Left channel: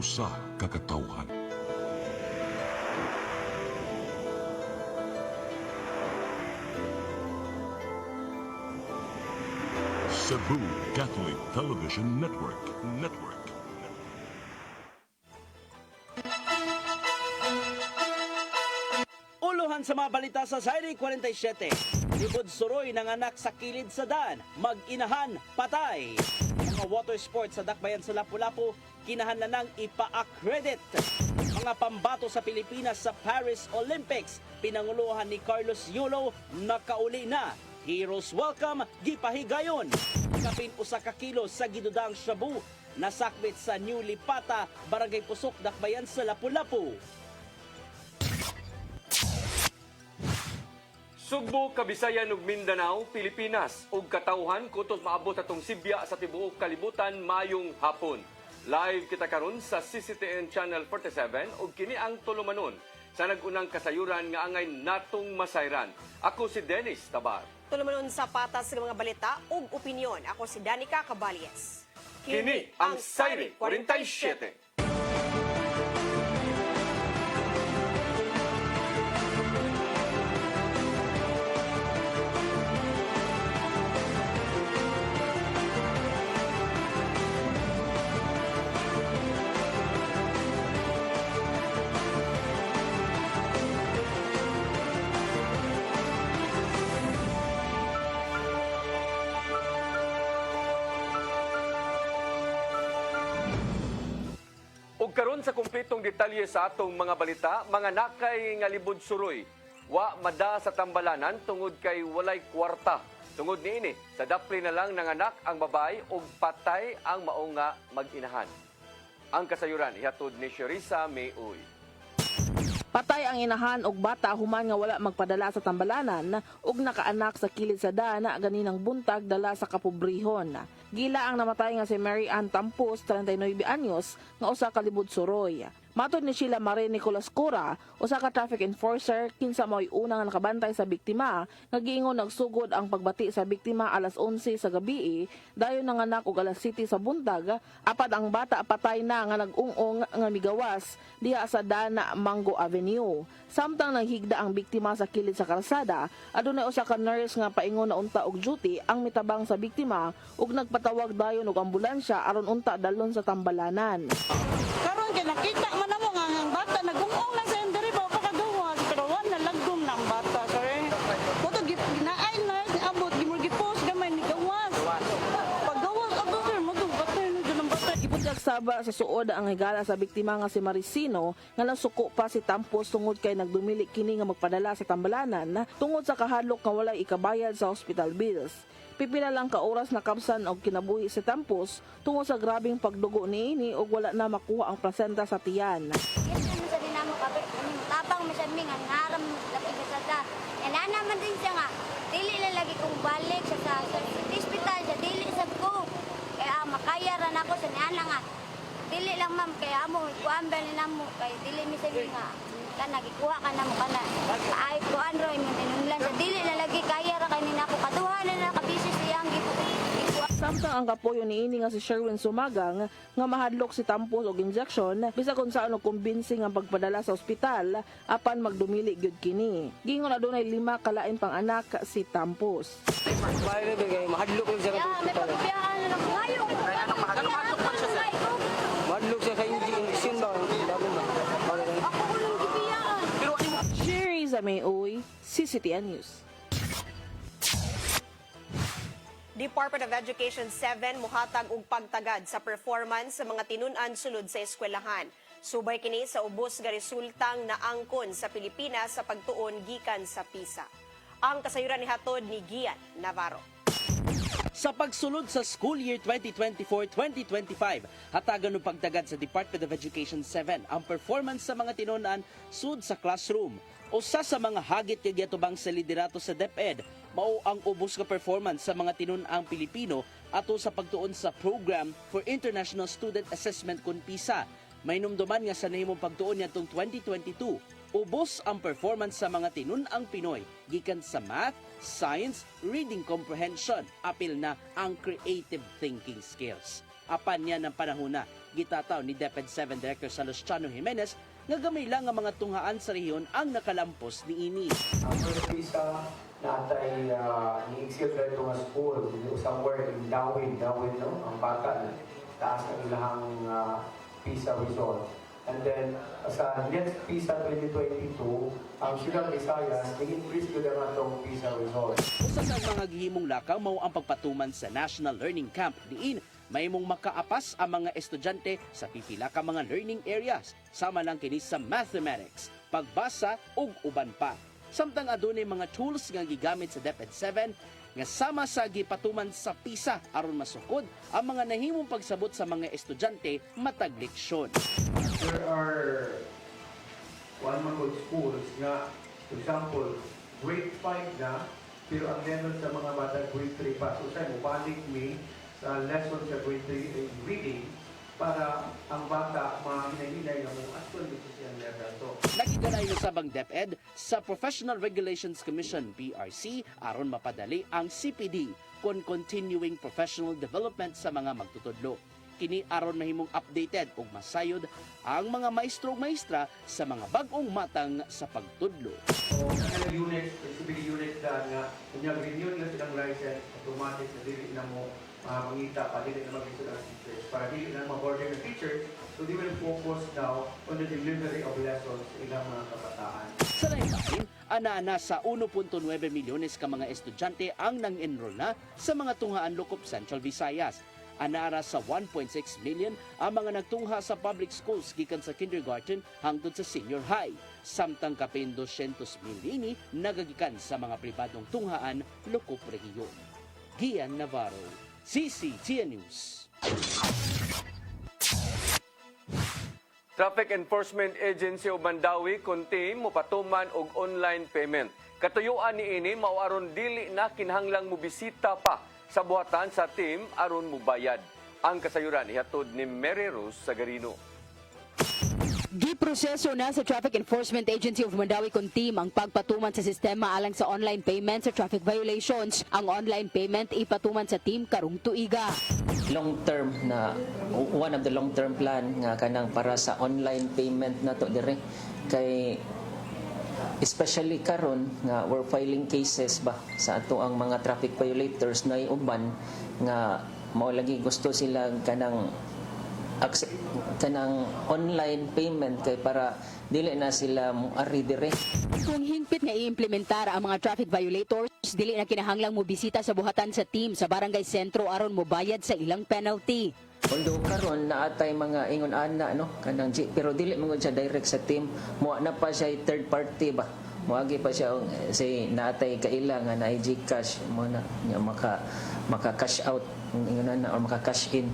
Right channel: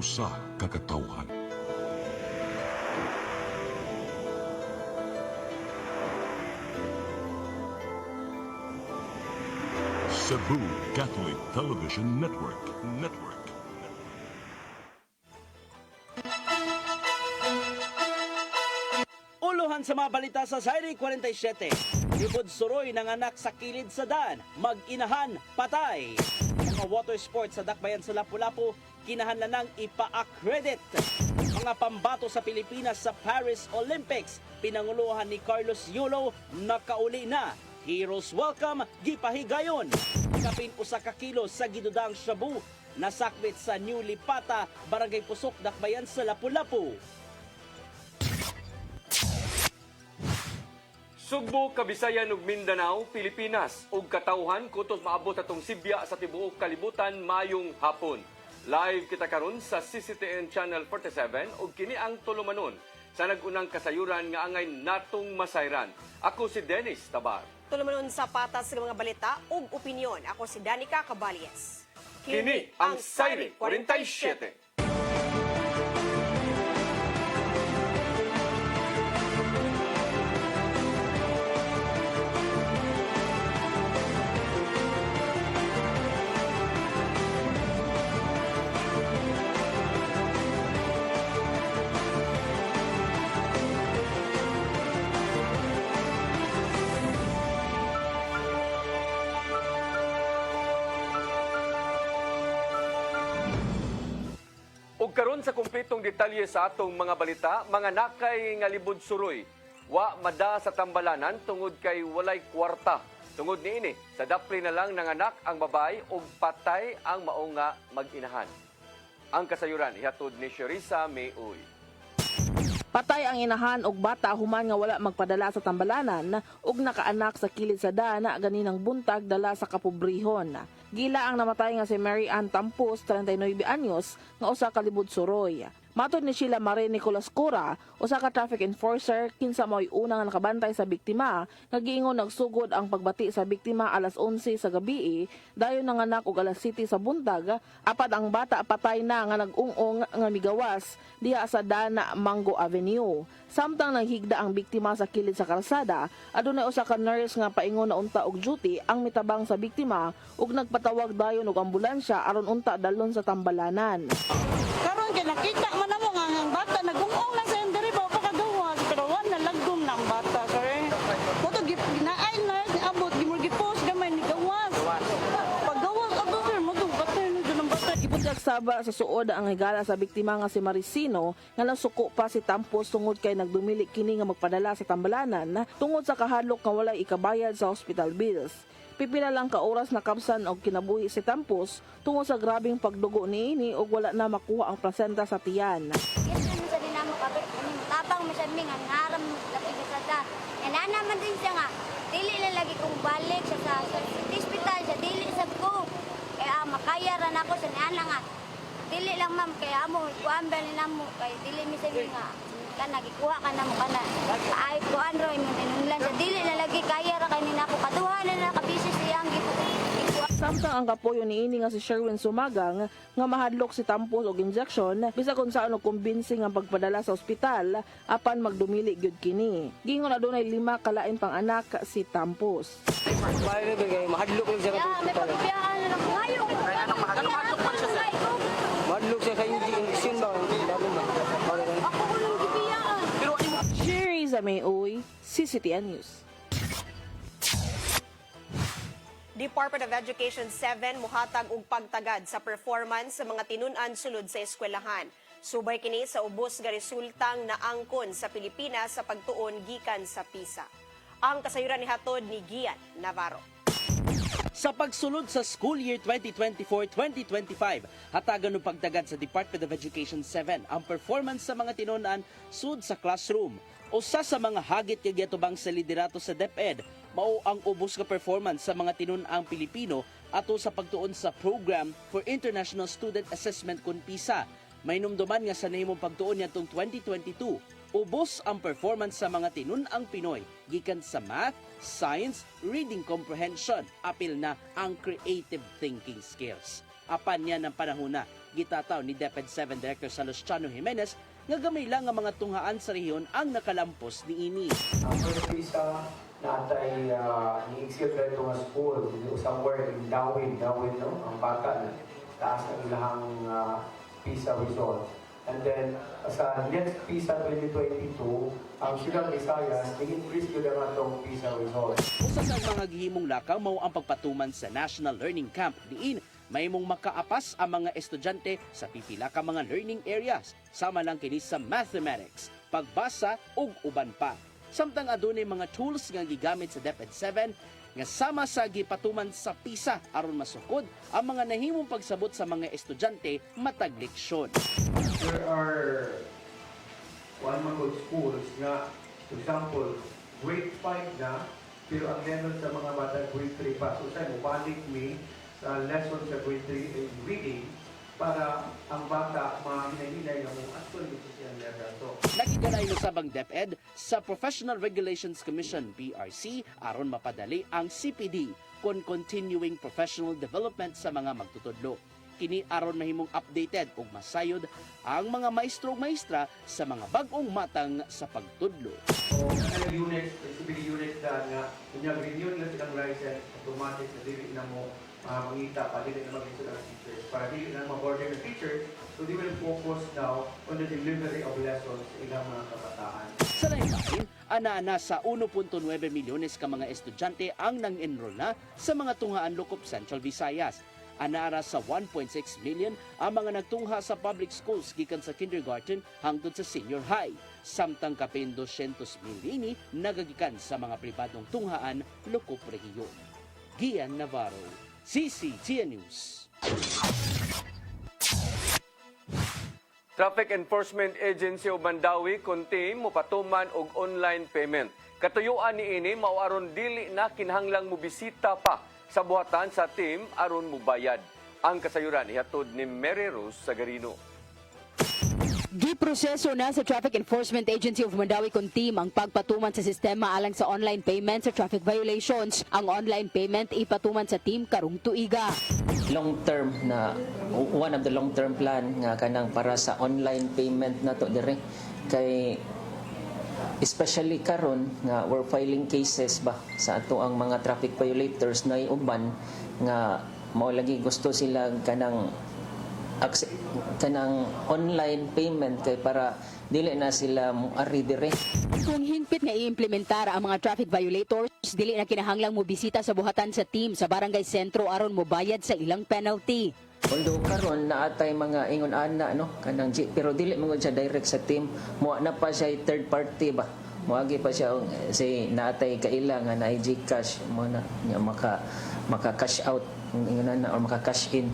usa ka katawhan. Cebu Catholic Television Network. Uluhan sa mga balita sa Zaire 47. Libod suroy ng anak sa kilid sa daan, mag-inahan, patay. Mga water sports sa Dakbayan sa Lapu-Lapu, kinahanglan nang ipa-accredit. Mga pambato sa Pilipinas sa Paris Olympics, pinanguluhan ni Carlos Yulo, nakauli na. Heroes welcome, gipahigayon. Kapin usa ka kilo sa gidudang shabu, nasakwit sa New Lipata, Barangay Pusok, Dakbayan sa Lapu-Lapu. Sugbo, Kabisayan ug Mindanao, Pilipinas ug katawhan kutob maabot atong Sibya sa tibuok kalibutan mayong hapon. Live kita karon sa CCTN Channel 47 ug kini ang tulumanon sa nagunang kasayuran nga angay natong masayran. Ako si Dennis Tabar. Tulumanon sa patas ng mga balita ug opinyon. Ako si Danica Caballes. Kini ang Zaire 47. Ug karon sa kumpletong detalye sa atong mga balita, mga nakay nga libod suroy, wa mada sa tambalanan tungod kay walay kwarta. Tungod niini, sa dapli na lang nanganak ang babae ug patay ang mao nga mag-inahan. Ang kasayuran ihatod ni Sherisa Mayoy. Patay ang inahan og bata human nga wala magpadala sa tambalanan ug nakaanak sa kilid sa dana ganinang buntag dala sa kapobrehon. Gila ang namatay nga si Mary Ann Tampos, 39 anyos, nga usa ka libod suroy. Matod ni Sheila Mare Nicolas Cura, usa ka traffic enforcer, kinsa mo'y unang nakabantay sa biktima, nagiingon nagsugod ang pagbati sa biktima alas 11 sa gabi, dayon nanganak og alas 7 sa buntag, apat ang bata patay na nga nag-ungong nga migawas diha sa Dana Mango Avenue. Samtang naghigda ang biktima sa kilid sa kalsada, adunay usa ka nurse nga paingon na unta og duty ang mitabang sa biktima ug nagpatawag dayon og ambulansya aron unta dalon sa tambalanan. Karon kay nakita man namo nga ang bata nagungong lang sa diri ba pagkaduwa pero wala lagdom ng bata kay kuto ginaay na abot gimurgipos gamay ni gawas. Pagdawag ato sir mo dong patay no ng bata. Ibutyag saba sa suod ang higala sa biktima nga si Maricino nga nasuko pa si Tampos tungod kay nagdumili kini nga magpadala sa tambalanan tungod sa kahadlok nga walay ikabayad sa hospital bills. Pipila lang ka oras na kapsan og kinabuhi si Tampos tungod sa grabing pagdugo niini ug wala na makuha ang placenta sa tiyan. Tapang masaming ang haram lagi sa nana man din siya nga dili lang lagi kong balik sa hospital sa dili sa ko kaya makaya ra nako sa nana nga dili lang ma'am kaya amo kuan ba ni namo kay dili mi sabi nga kana gikuha ka na mo kana ay kuan ro inunglan sa dili na lagi kaya ra kanina ko kaduha na kabisi siyang Samtang ang kapuyo niini nga si Sherwin Sumagang nga mahadlok si Tampos og injection bisa kung saan og kumbinsi nga pagpadala sa ospital apan magdumili gyud kini. Gingon adunay 5 kalain pang anak si Tampos. Kaya na mahadlok rin siya sa ospital. Mahadlok siya kay injection ba? Sherry Mayoy, CCTN News. Department of Education 7 muhatag og pagtagad sa performance sa mga tinun-an sulod sa eskwelahan. Subay kini sa ubos nga resultang naangkon sa Pilipinas sa pagtuon gikan sa PISA. Ang kasayuran ni hatod ni Gian Navarro. Sa pagsulod sa school year 2024-2025, hatagan ng pagtagad sa Department of Education 7 ang performance sa mga tinunan sud sa classroom. Usa sa mga hagit kay giatubang sa liderato sa DepEd mao ang ubos nga performance sa mga tinun-ang Pilipino ato sa pagtuon sa Program for International Student Assessment kun PISA. May numduman nga sa nahimong pagtuon nitong 2022, ubos ang performance sa mga tinun-ang Pinoy gikan sa math, science, reading comprehension, apil na ang creative thinking skills. Apan niya ng panahona, gitataw ni DepEd 7 Director Salustiano Jimenez nga gamay lang ang mga tunghaan sa rehiyon ang nakalampos ni ini. Ang pista natay ni-execute rin ito nga school somewhere in Dawin, no? Ang bata na taas ng ilahang PISA result. And then, sa next PISA 2022, ang Silang Visayas, i-increase ko naman itong PISA result. Usa sa mga gihimong lakaw mao ang pagpatuman sa National Learning Camp diin mahimong makaapas ang mga estudyante sa pipila ka mga learning areas sama lang kini sa mathematics, pagbasa ug uban pa. Samtang adunay mga tools nga gigamit sa DepEd 7 nga sama sa gipatuman sa PISA aron masukod ang mga nahimong pagsabot sa mga estudyante matag leksyon. There are one mga schools na, for example, grade 5 na, pero ang level sa mga bata grade 3 pa. So tayo, balik ni lesson sa grade 3 in reading para ang bata mahinay-hinay na mo actually sa level. So, Nakibalay na sabang DepEd sa Professional Regulations Commission PRC aron mapadali ang CPD kon continuing professional development sa mga magtutudlo. Kini aron mahimong updated ug masayod ang mga maestro ug maestra sa mga bag-ong matang sa pagtudlo. mga units, CPD units na renew nila silang license, automatic na dili na mo mangita pa, dili na mag-issue ng teachers. Para dili na mag-order ng teacher, so they will focus now on the delivery of lessons ilang mga kabataan. Sa lain, ana sa 1.9 milyones ka mga estudyante ang nang-enroll na sa mga tunghaan Lukop Central Visayas. Anara sa 1.6 million ang mga nagtungha sa public schools gikan sa kindergarten hangtod sa senior high. Samtang kapin 200,000 ini nagagikan sa mga pribadong tunghaan Lukop Rehiyon. Gian Navarro, CCTN News. Traffic Enforcement Agency o Mandawi kunti mopatuman og online payment. Katuyuan ni ini mao aron dili na kinahanglang mobisita pa sa buhatan sa team aron mubayad. Ang kasayuran ihatod ni Mary Rose Sagarino. Giproseso na sa Traffic Enforcement Agency of Mandawi Kuntim ang pagpatuman sa sistema alang sa online payment sa traffic violations. Ang online payment ipatuman sa team karong tuiga. Long term na one of the long term plan nga kanang para sa online payment na to dire kay especially karon nga we're filing cases ba sa ato ang mga traffic violators na uban nga mao lagi gusto sila kanang online payment kay para dili na sila ari dire. Kung hingpit nga i-implementar ang mga traffic violators, dili na kinahanglang mobisita sa buhatan sa team sa barangay sentro aron mobayad sa ilang penalty. Although karon naatay mga ingon ana no kanang pero dili mo siya direct sa team, mo na pa siya third party ba. Moagi pa siya say naatay kaila nga na GCash mo na nga maka cash out ingon na or maka cash in.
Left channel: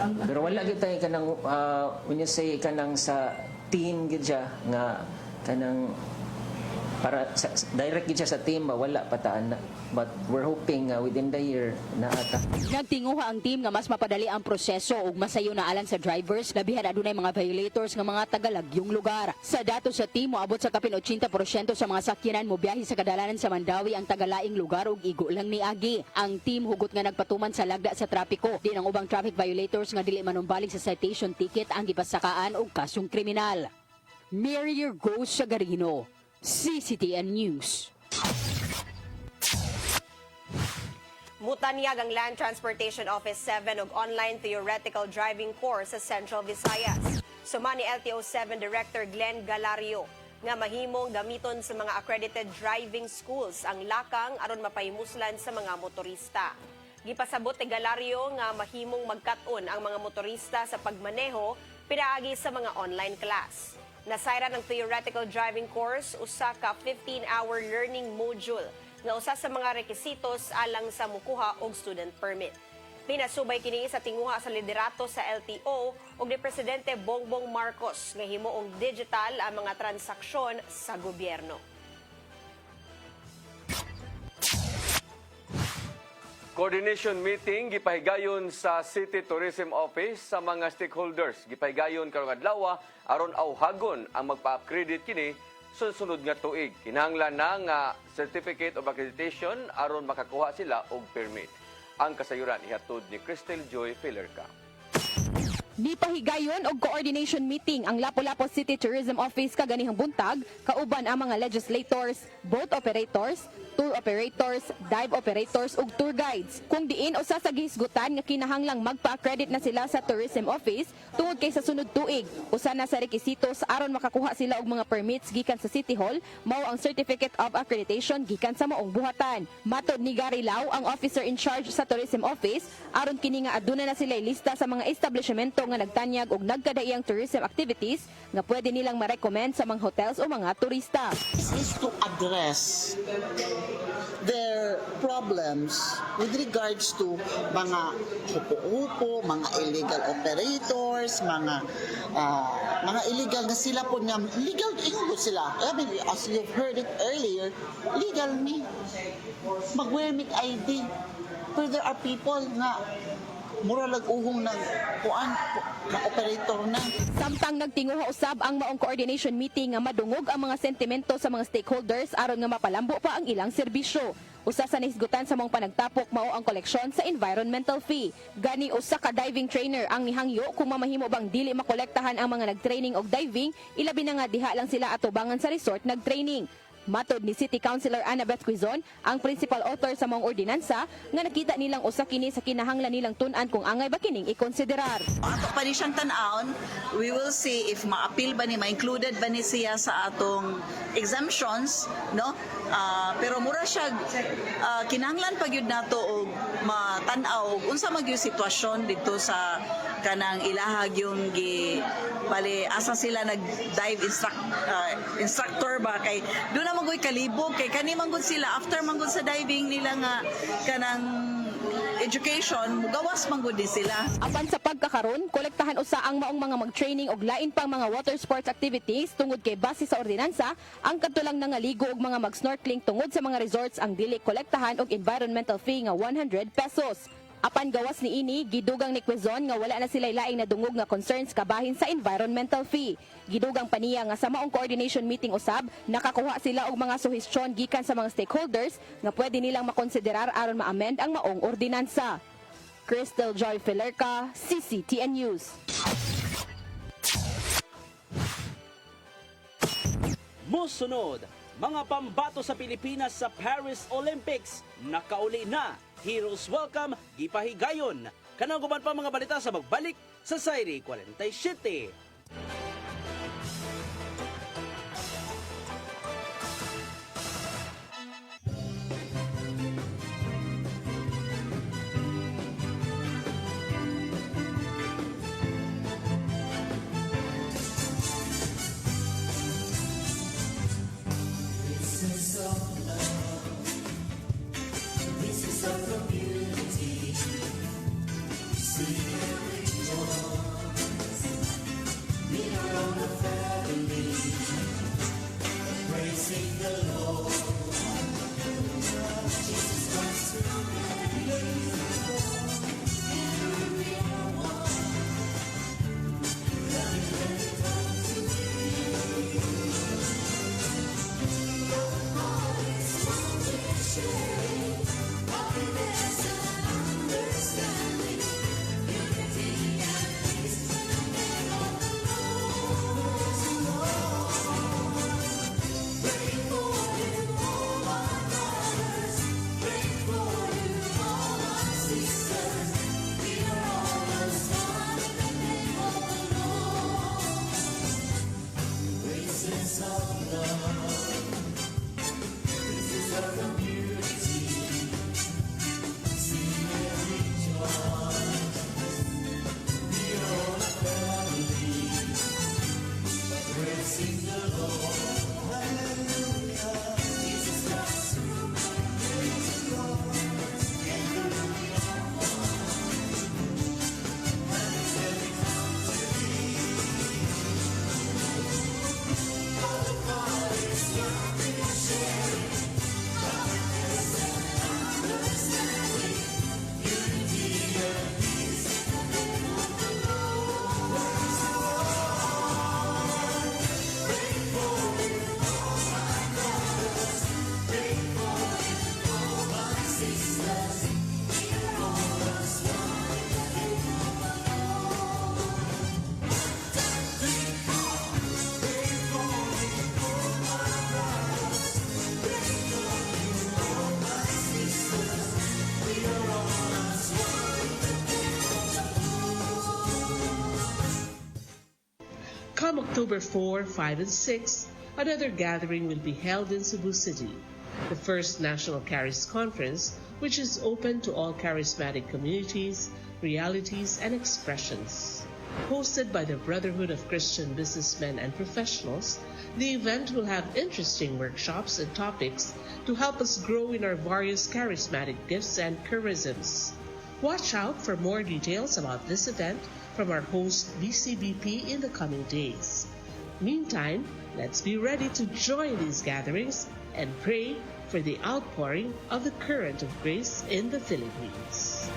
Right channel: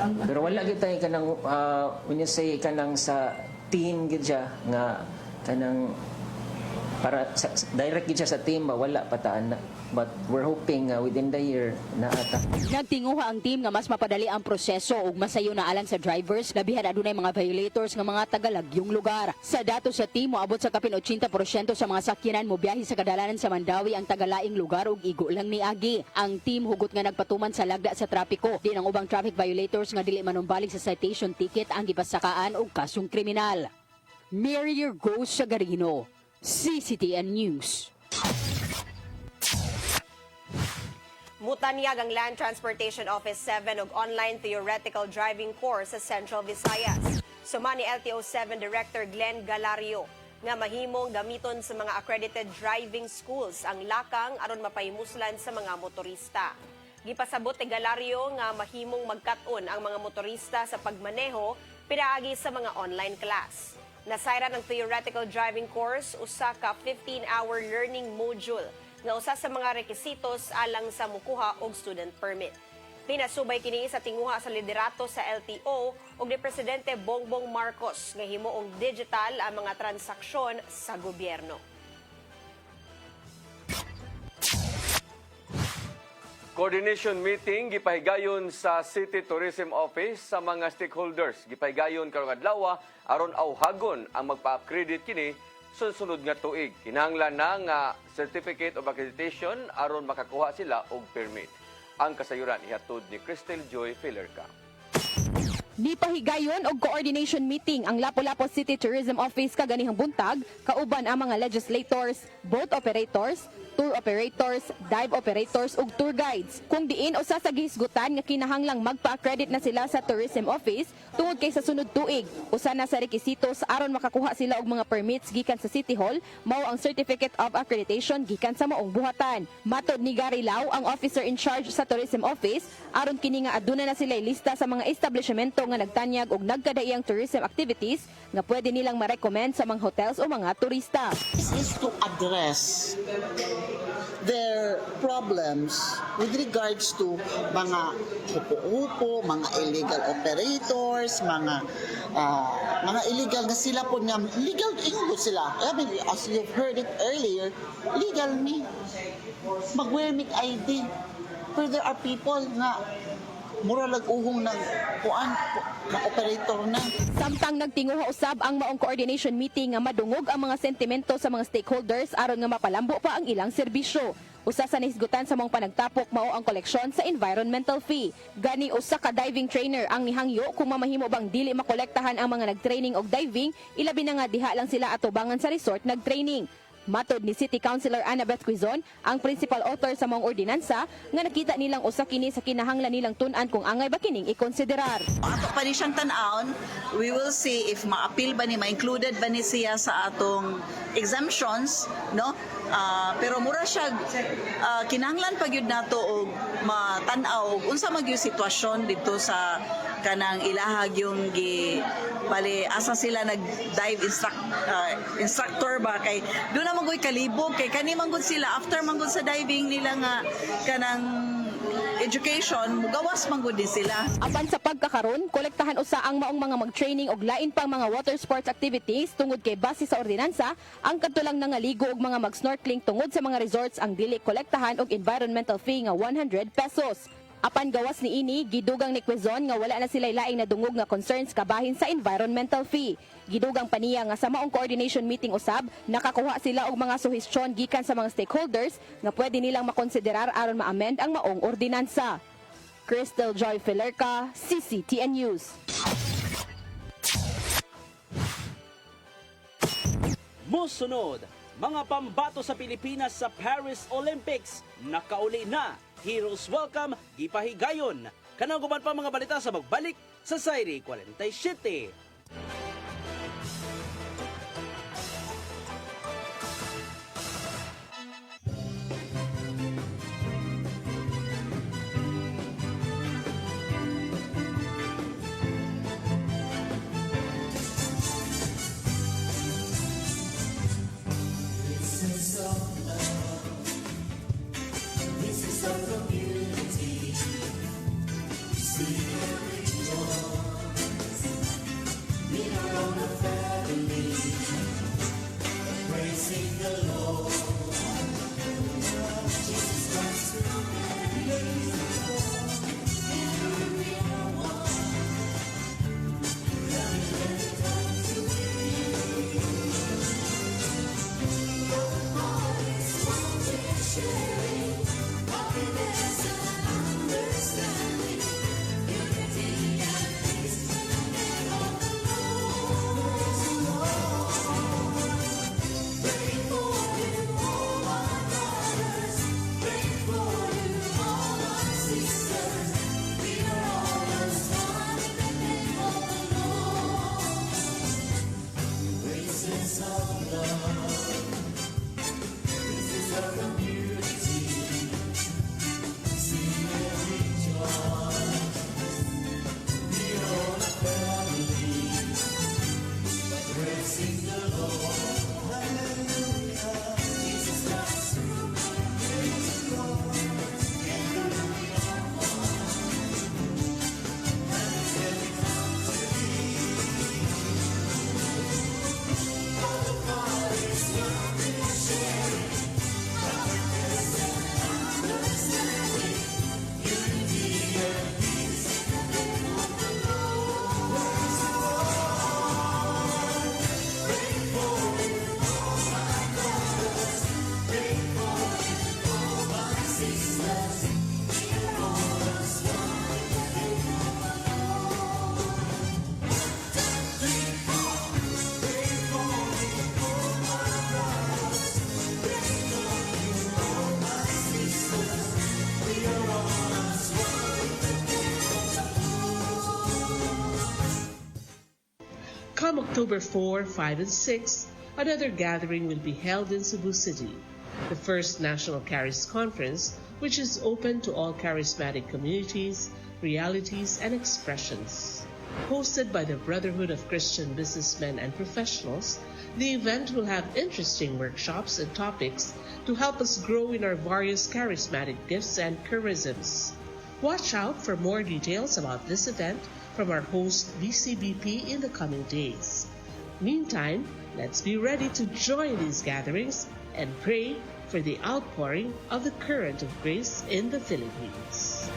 Pero wala gyud tay kanang when you say kanang sa team gid siya nga kanang para direct gid siya sa team ba wala pataan na. But we're hoping within the year na ata. Nagtinguha ang team nga mas mapadali ang proseso ug masayo na alang sa drivers labihan adunay mga violators nga mga tagalagyong lugar. Sa datos sa team moabot sa kapin 80% sa mga sakyanan mobiyahe sa kadalanan sa Mandawi ang tagalaing lugar ug igo lang niagi. Ang team hugot nga nagpatuman sa lagda sa trapiko. Di ang ubang traffic violators nga dili manumbalik sa citation ticket ang gipasakaan og kasong kriminal. Mary Rose Sagarino, CCTN News. Mutanyag ang Land Transportation Office 7 og online theoretical driving course sa Central Visayas. Suma ni LTO 7 Director Glenn Galario nga mahimong gamiton sa mga accredited driving schools ang lakang aron mapahimuslan sa mga motorista. Gipasabot ni Galario nga mahimong magkat-on ang mga motorista sa pagmaneho pinaagi sa mga online class. Nasayra ng theoretical driving course usa ka 15-hour learning module nga usa sa mga requisitos alang sa mukuha og student permit. Pinasubay kini sa tinguha sa liderato sa LTO ug ni Presidente Bongbong Marcos nga himuong digital ang mga transaksyon sa gobyerno. Coordination meeting gipahigayon sa City Tourism Office sa mga stakeholders. Gipahigayon karong adlaw aron awhagon ang magpa-accredit kini sunod nga tuig. Kinahanglan na nga certificate of accreditation aron makakuha sila og permit. Ang kasayuran ihatod ni Cristel Joy Filerca. Nipahigayon og coordination meeting ang Lapu-Lapu City Tourism Office kaganihang buntag kauban ang mga legislators, boat operators, tour operators, dive operators ug tour guides. Kung diin usa sa gihisgutan nga kinahanglang magpa-accredit na sila sa tourism office tungod kay sa sunod tuig. Usa na sa rekisitos aron makakuha sila og mga permits gikan sa City Hall mao ang Certificate of Accreditation gikan sa maong buhatan. Matod ni Gary Lau, ang officer in charge sa tourism office, aron kini nga aduna na sila lista sa mga establishmento nga nagtanyag og nagkadaiyang tourism activities nga pwede nilang ma-recommend sa mga hotels o mga turista. Is to address their problems with regards to mga upo-upo, mga illegal operators, mga illegal na sila po na legal sila. I mean, as you've heard it earlier, legal ni mag-wear ng ID. Pero there are people na mura lag-uhong ng kuan na operator na. Samtang nagtinguha usab ang maong coordination meeting nga madungog ang mga sentimento sa mga stakeholders aron nga mapalambo pa ang ilang serbisyo. Usa sa nahisgutan sa mga panagtapok mao ang koleksyon sa environmental fee. Gani usa ka diving trainer ang nihangyo kung mamahimo bang dili makolektahan ang mga nagtraining og diving, ilabi na nga diha lang sila atubangan sa resort nagtraining. Matod ni City Councilor Annabeth Quizon, ang principal author sa mga ordinansa, nga nakita nilang usa kini sa kinahanglan nilang tun-an kung angay ba kining ikonsiderar. Pa ni siyang tan-aon, we will see if ma-appeal ba ni, ma-included ba ni siya sa atong exemptions, no? Pero mura siya, kinahanglan pa gyud nato og matan-aw unsa man gyud sitwasyon dito sa kanang ilahag yung bali asa sila nag-dive instructor ba kay doon na maggoy kalibog kay kani manggod sila after manggod sa diving nila nga kanang education mugawas manggod din sila. Apan sa pagkakaron, kolektahan usa ang maong mga mag-training og lain pang mga water sports activities tungod kay base sa ordinansa, ang kadtulang nangaligo og mga mag-snorkeling tungod sa mga resorts ang dili kolektahan og environmental fee nga 100 pesos. Apan gawas ni ini, gidugang ni Quezon nga wala na sila laing nadungog nga concerns kabahin sa environmental fee. Gidugang paniya nga sa maong coordination meeting usab, nakakuha sila og mga suhestyon gikan sa mga stakeholders nga pwede nilang makonsiderar aron ma-amend ang maong ordinansa. Cristel Joy Filerca, CCTN News. Musunod, mga pambato sa Pilipinas sa Paris Olympics, nakauli na. Heroes welcome, gipahigayon. Kanang guban pa mga balita sa magbalik sa Sairi 47. See every joy. Come October 4, 5, and 6, another gathering will be held in Cebu City, the first National Charis Conference, which is open to all charismatic communities, realities, and expressions. Hosted by the Brotherhood of Christian Businessmen and Professionals, the event will have interesting workshops and topics to help us grow in our various charismatic gifts and charisms. Watch out for more details about this event from our host BCBP in the coming days. Meantime, let's be ready to join these gatherings and pray for the outpouring of the current of grace in the Philippines.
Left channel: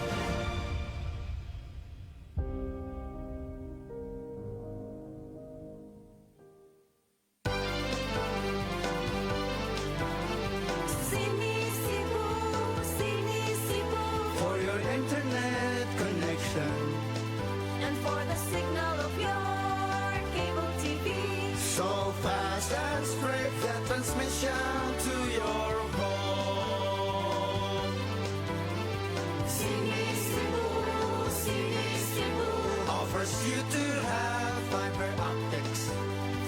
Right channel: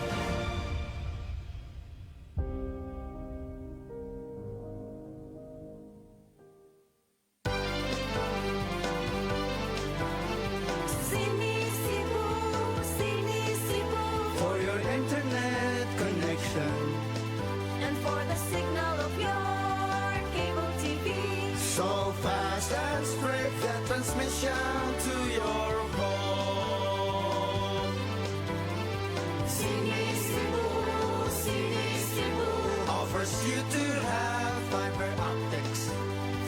For your internet connection And for the signal of your cable TV. so fast and straight that transmission to your home. Sini Cebu Offers you to have fiber optics.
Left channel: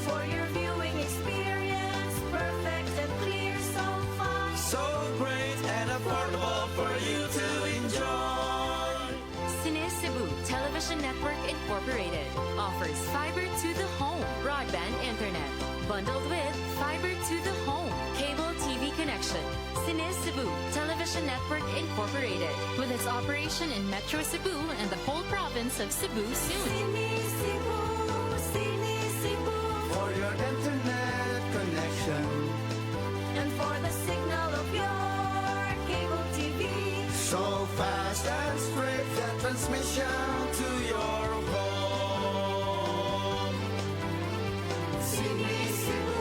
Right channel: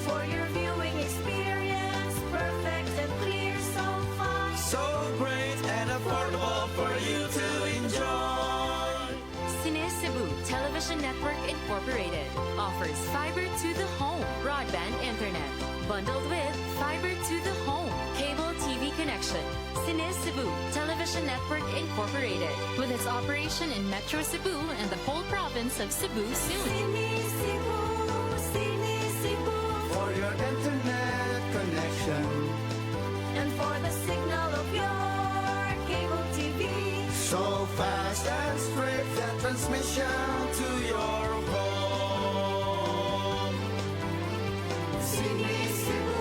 for your viewing experience, perfect and clear so fast. So great and affordable for you to enjoy. Cine Cebu Television Network Incorporated offers fiber to the home broadband internet bundled with fiber to the home cable TV connection. Cine Cebu Television Network Incorporated with its operation in Metro Cebu and the whole province of Cebu soon. Sini Cebu For your internet connection. and for the signal of your cable TV. So fast and straight that transmission to your home. Sini Cebu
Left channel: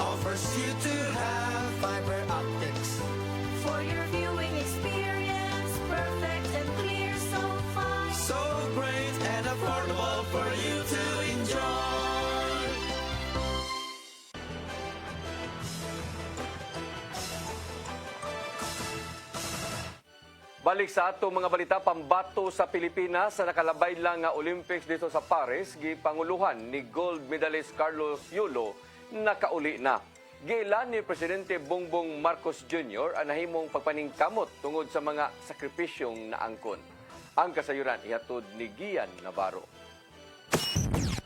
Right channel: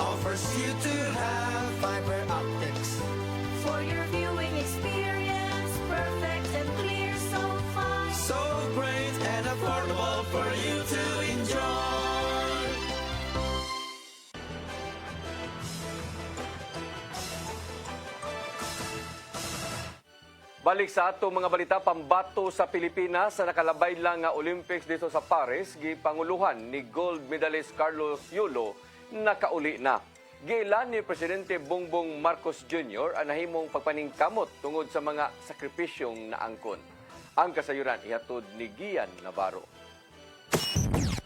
Offers you to have fiber optics. for your viewing experience, perfect and clear so fast. So great and affordable for you to enjoy. Balik sa atong mga balita, pambato sa Pilipinas sa nakalabay lang nga Olympics dito sa Paris, gipanguluhan ni gold medalist Carlos Yulo nakauli na. Giilan ni Presidente Bongbong Marcos Jr. ang nahimong pagpaningkamot tungod sa mga sakripisyong naangkon. Ang kasayuran ihatod ni Gian Navarro.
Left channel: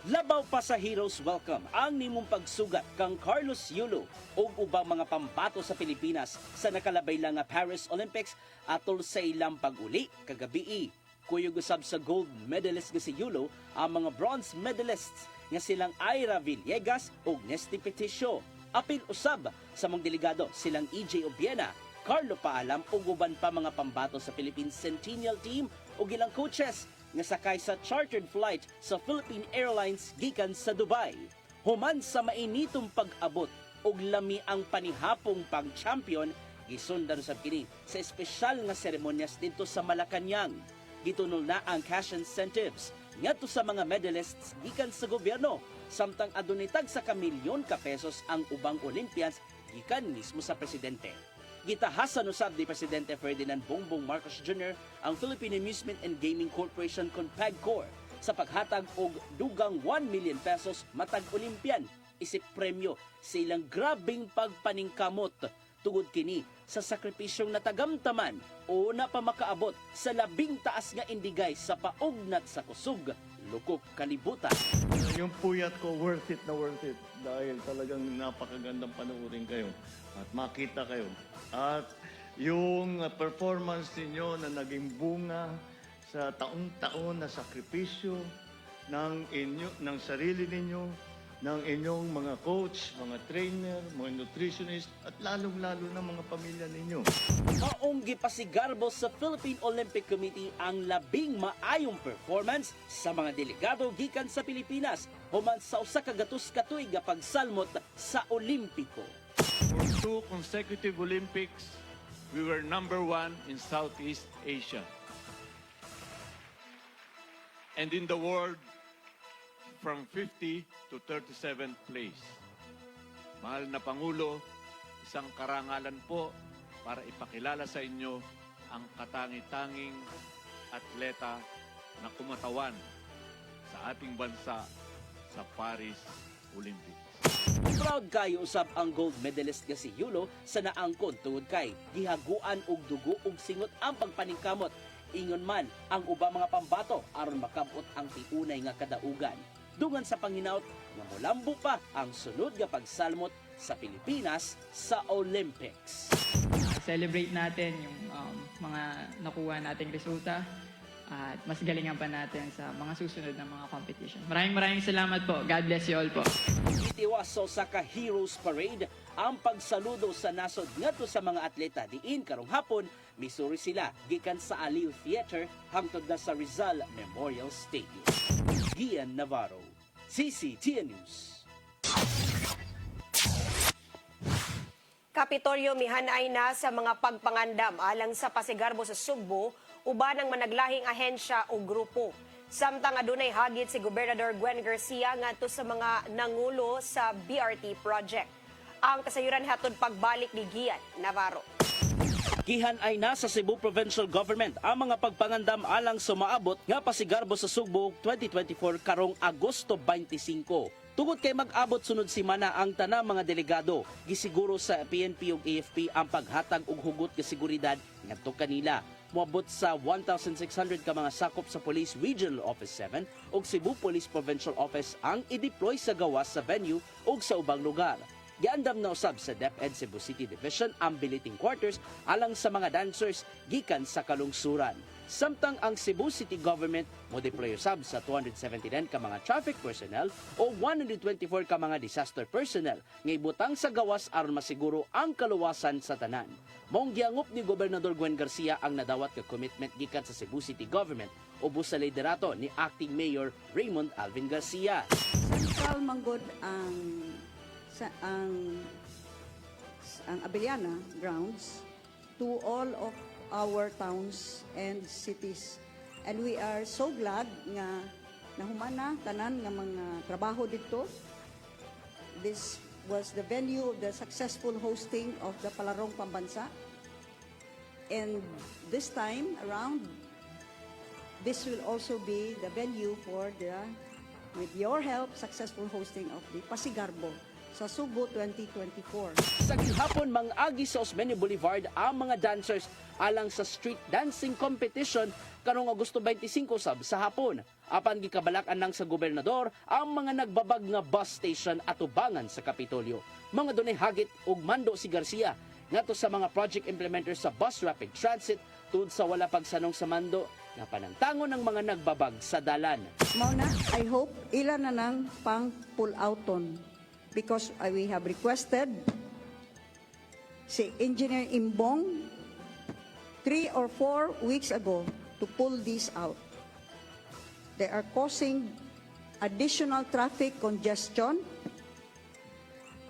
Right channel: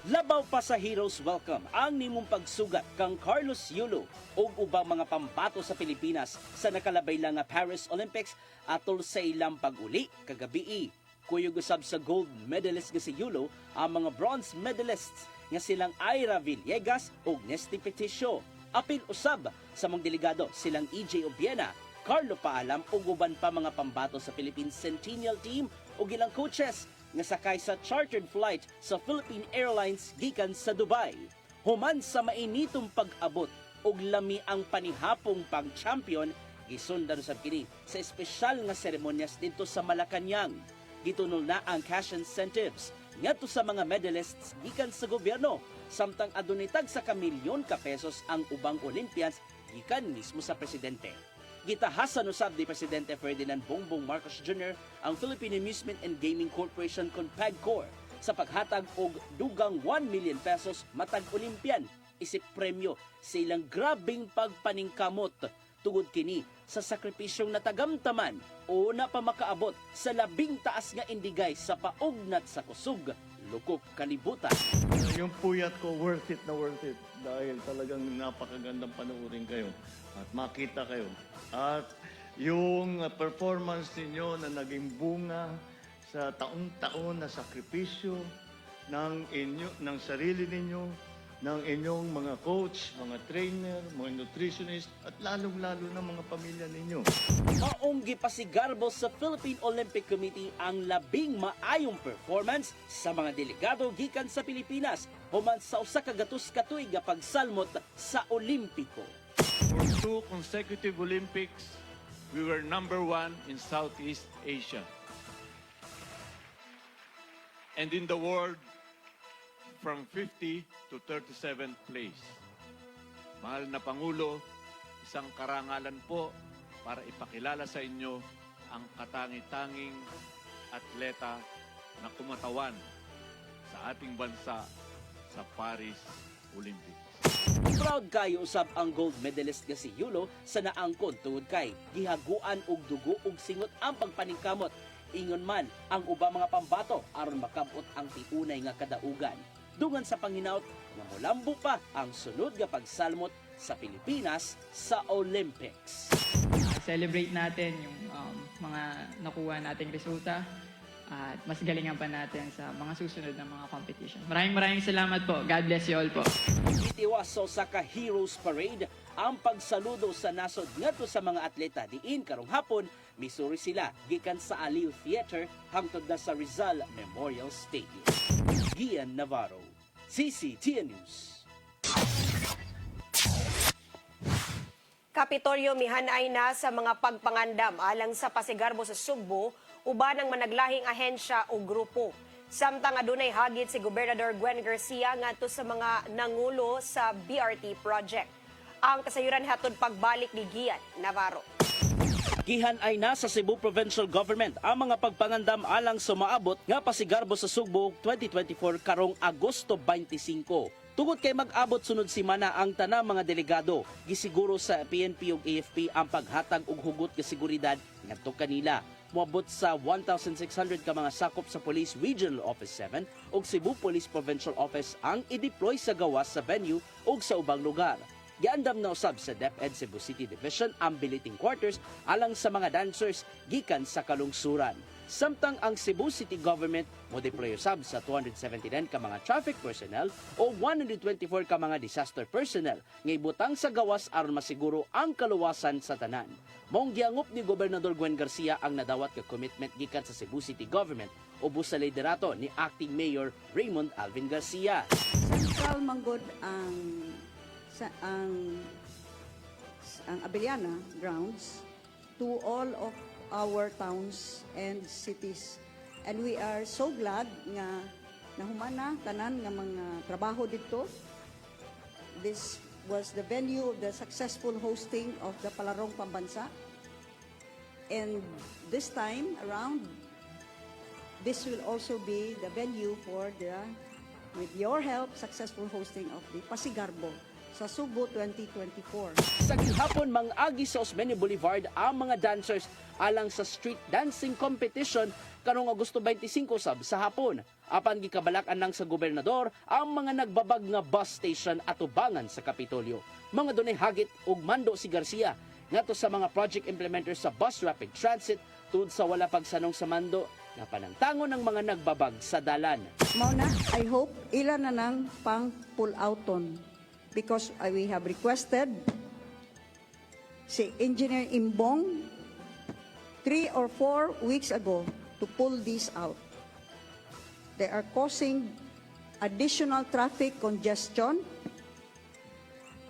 Labaw pa sa Heroes Welcome ang nimong pagsugat kang Carlos Yulo o ubang mga pambato sa Pilipinas sa nakalabay lang nga Paris Olympics atol sa ilang pag-uli kagabi. Kuyog usab sa gold medalist nga si Yulo ang mga bronze medalists nga silang Ira Villegas ug Nesty Peticio. Apil usab sa mga delegado silang EJ Obiena, Carlo Paalam ug uban pa mga pambato sa Philippine Centennial Team ug ilang coaches nga sakay sa chartered flight sa Philippine Airlines gikan sa Dubai. Human sa mainitong pag-abot ug lami ang panihapong pang-champion, gisundan sa kini sa espesyal nga seremonyas dito sa Malacañang. Gitunong na ang cash incentives ngadto sa mga medalists gikan sa gobyerno, samtang adunay tag sa kamilyon ka pesos ang ubang Olympians gikan mismo sa presidente. Gitahasan usab ni Presidente Ferdinand Bongbong Marcos Jr. ang Philippine Amusement and Gaming Corporation kon PAGCOR sa paghatag og dugang 1 million pesos matag Olympian isip premyo sa ilang grabing pagpaningkamot tungod kini sa sakripisyong natagamtaman o napamakaabot sa labing taas nga indigay sa paugnat sa kusog lukop kalibutan. Yung puyat ko, worth it dahil talagang napakagandang panoorin kayo at makita kayo. At yung performance ninyo na naging bunga sa taong-taon na sakripisyo ng sarili ninyo, ng inyong mga coach, mga trainer, mga nutritionist, at lalong-lalo na mga pamilya ninyo. Maong gipasigarbo sa Philippine Olympic Committee ang labing maayong performance sa mga delegado gikan sa Pilipinas human sa usa ka gatus-katuig nga pagsalmot sa Olimpiko. 2 consecutive Olympics, we were number 1 in Southeast Asia. And in the world, from 50 to 37th place. Mahal na Pangulo, isang karangalan po para ipakilala sa inyo ang katangi-tanging atleta na kumatawan sa ating bansa sa Paris Olympics. Proud kayo usab ang gold medalist nga si Yulo sa naangkon tungod kay gihaguan og dugo ug singot ang pagpaningkamot. Ingon man ang ubang mga pambato aron makabot ang tiunay nga kadaugan. Dungan sa panginaot nga molambo pa ang sunod nga pagsalmot sa Pilipinas sa Olympics. Celebrate natin yung mga nakuha nating resulta at mas galingan pa natin sa mga susunod na mga competition. Maraming salamat po. God bless you all po. Itiwas sa usa ka Heroes Parade ang pagsaludo sa nasod ngadto sa mga atleta diin karong hapon misuri sila gikan sa Aliw Theater hangtod na sa Rizal Memorial Stadium. Gian Navarro, CCTN News. Kapitolyo mihanay na sa mga pagpangandam alang sa pasigarbo sa Sugbo uban ang managlahing ahensya o grupo. Samtang adunay hagit si Gobernador Gwen Garcia ngadto sa mga nangulo sa BRT project. Ang kasayuran hatod pagbalik ni Gian Navarro. Gihan ay nasa Cebu Provincial Government ang mga pagpangandam alang sumaabot nga pasigarbo sa Sugbo 2024 karong Agosto 25. Tungod kay mag-abot sunod semana ang tanang mga delegado, gisiguro sa PNP ug AFP ang paghatag og hugot nga seguridad ngadto kanila. Moabot sa 1,600 ka mga sakop sa Police Regional Office 7 ug Cebu Police Provincial Office ang i-deploy sa gawas sa venue ug sa ubang lugar. Giandam na usab sa DepEd Cebu City Division ang billeting quarters alang sa mga dancers gikan sa kalungsuran. Samtang ang Cebu City Government mo deploy usab sa 279 ka mga traffic personnel o 124 ka mga disaster personnel nga ibutang sa gawas aron masiguro ang kaluwasan sa tanan. Maong giangop ni Gobernador Gwen Garcia ang nadawat ka commitment gikan sa Cebu City Government ubos sa liderato ni Acting Mayor Raymond Alvin Garcia. Central manggod ang Abellana grounds to all of our towns and cities. And we are so glad nga nahumana tanan ng mga trabaho dito. This was the venue of the successful hosting of the Palarong Pambansa. And this time around, this will also be the venue for with your help, successful hosting of the Pasigarbo sa Sugbo 2024. Sa gihapon mang-agi sa Osmeña Boulevard ang mga dancers alang sa street dancing competition karong Agosto 25 sa hapon. Apan gikabalak-an lang sa gobernador ang mga nagbabag nga bus station at ubangan sa Kapitolyo. Mga dunay hagit ug mando si Garcia ngadto sa mga project implementers sa bus rapid transit tungod sa wala pagsanong sa mando nga panangtangon ng mga nagbabag sa dalan. Mona, I hope ilan na nang pang pull outon because we have requested si Engineer Imbong 3 or 4 weeks ago to pull these out. They are causing additional traffic congestion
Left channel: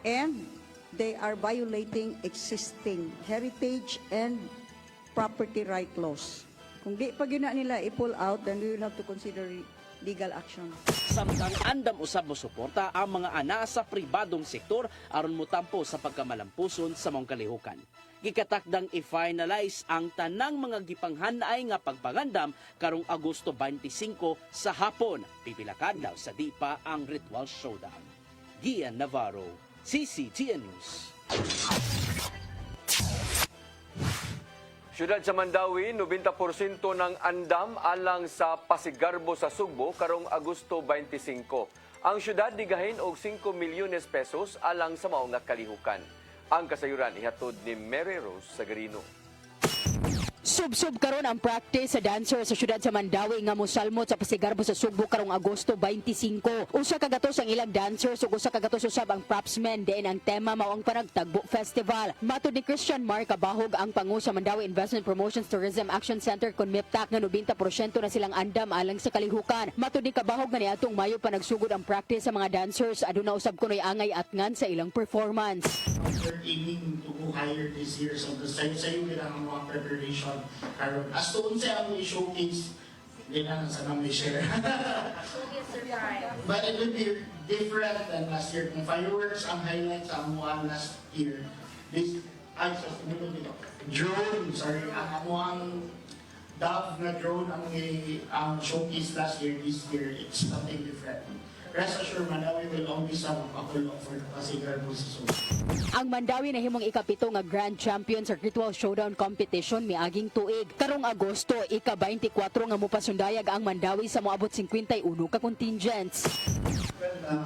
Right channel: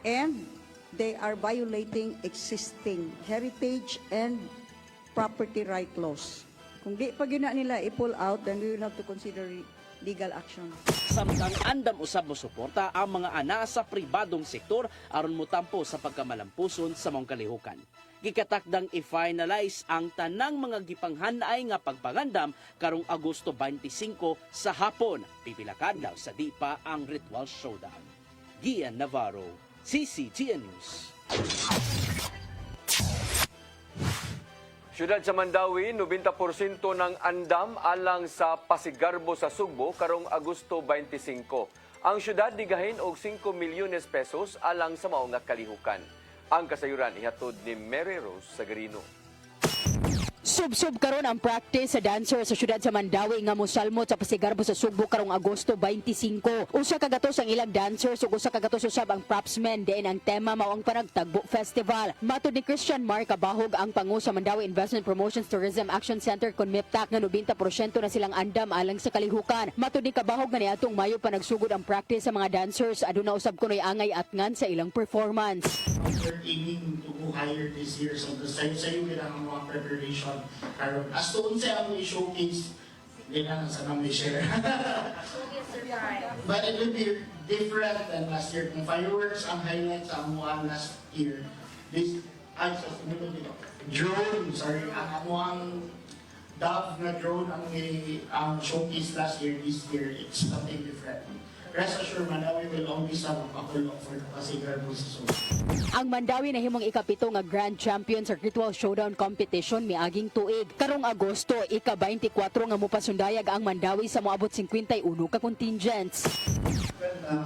and they are violating existing heritage and property right laws. Kung di pa gina nila i-pull out, then we will have to consider legal action. Samtang andam usab mo suporta ang mga ana sa pribadong sektor aron motampo sa pagkamalampuson sa mga kalihukan. Gikatakdang i-finalize ang tanang mga gipanghanay nga pagpangandam karong Agosto 25 sa hapon. Pipila ka adlaw sa di pa ang ritual showdown. Gian Navarro, CCTN News. Siyudad sa Mandawi, 90% ng andam alang sa Pasigarbo sa Sugbo karong Agosto 25. Ang siyudad digahin og 5 milyones pesos alang sa maong nga kalihukan. Ang kasayuran ihatod ni Mary Rose Sagarino. Sub-sub karon ang practice sa dancer sa siyudad sa Mandawi nga mosalmot sa Pasigarbo sa Sugbo karong Agosto 25. Usa ka gatos ang ilang dancers ug usa ka gatos usab ang propsmen diin ang tema mao ang Panagtagbo Festival. Matud ni Christian Mark Kabahog ang pangu sa Mandawi Investment Promotions Tourism Action Center kon MIPTAC nga 90% na silang andam alang sa kalihukan. Matud ni Kabahog nga niadtong Mayo pa nagsugod ang practice sa mga dancers aduna usab kunoy angay atngan sa ilang performance. We're aiming to go higher this year so sayo bilang mga preparation. As to unsa ang showcase, hindi na sa mga share. But it will be different than last year. Kung fireworks ang highlights ang amuang last year. This, drone, sorry, ang amuang Dove na drone ang showcase last year, this year, it's something different. Rest assured, Mandawi will always have a couple of for the Pasigar position. Ang Mandawi na himong ikapito nga Grand Champion sa Virtual Showdown Competition miaging tuig. Karong Agosto, ika-24 nga mupasundayag ang Mandawi sa moabot 51 ka contingents. In a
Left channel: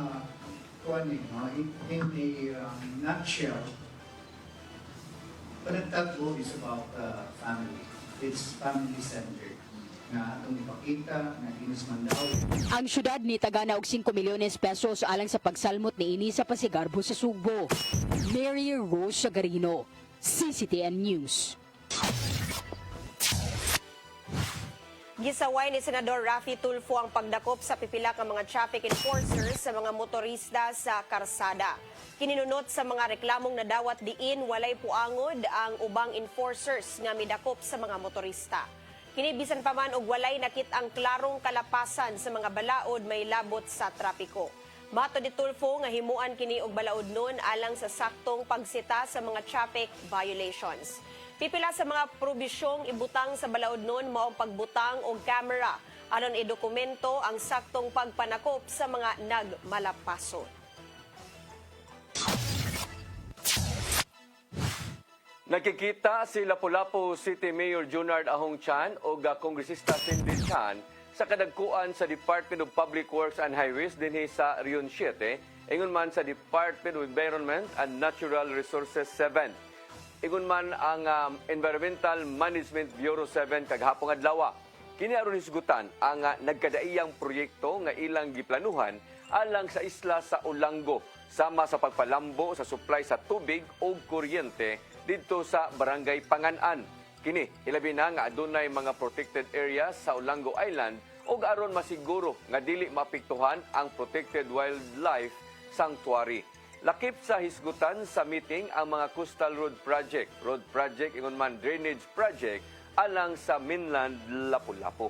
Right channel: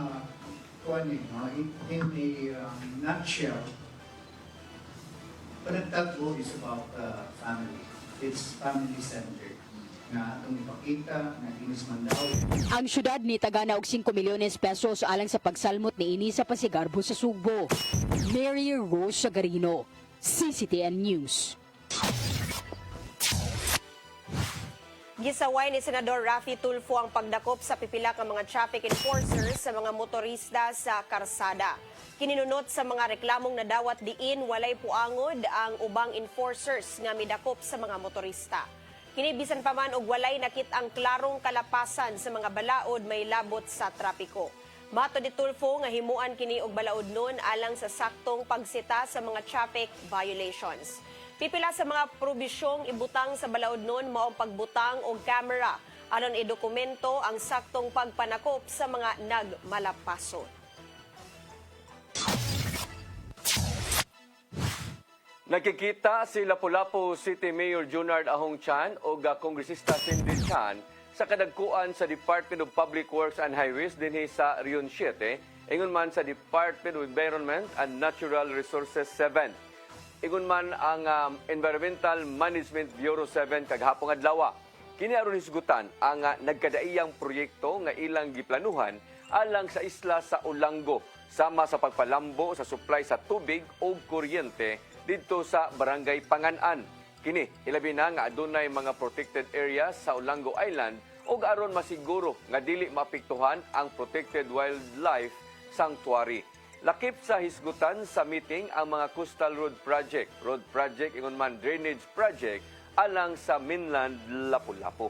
nutshell, Panagtagpo is about family. It's family-centered na atong ipakita na Inis Mandawi. Ang syudad ni tagana og 5 milyones pesos alang sa pagsalmot ni ini sa Pasigarbo sa Sugbo. Mary Rose Sagarino, CCTN News. Gisaway ni Senador Raffy Tulfo ang pagdakop sa pipila ka mga traffic enforcers sa mga motorista sa karsada. Kininunot sa mga reklamong nadawat diin walay puangod ang ubang enforcers nga midakop sa mga motorista. Kini bisan pa man og walay nakit ang klarong kalapasan sa mga balaod may labot sa trapiko. Mato ni Tulfo nga himuan kini og balaod nun alang sa saktong pagsita sa mga traffic violations. Pipila sa mga probisyong ibutang sa balaod nun mao ang pagbutang og camera aron idokumento ang saktong pagpanakop sa mga nagmalapaso. Nakikita si Lapu-Lapu City Mayor Junard Ahong Chan o Kongresista Cindy Chan sa kadagkuan sa Department of Public Works and Highways dinhi sa Rion 7, ingon man sa Department of Environment and Natural Resources 7. Ingon man ang Environmental Management Bureau 7 kaghapong adlaw. Kini aron hisgutan ang nagkadaiyang proyekto nga ilang giplanuhan alang sa isla sa Olango sama sa pagpalambo sa supply sa tubig o kuryente dito sa Barangay Panganan. Kini ilabi na nga adunay mga protected areas sa Olango Island ug aron masiguro nga dili maapektuhan ang Protected Wildlife Sanctuary. Lakip sa hisgutan sa meeting ang mga Coastal Road Project, ingon man Drainage Project alang sa mainland Lapu-Lapu.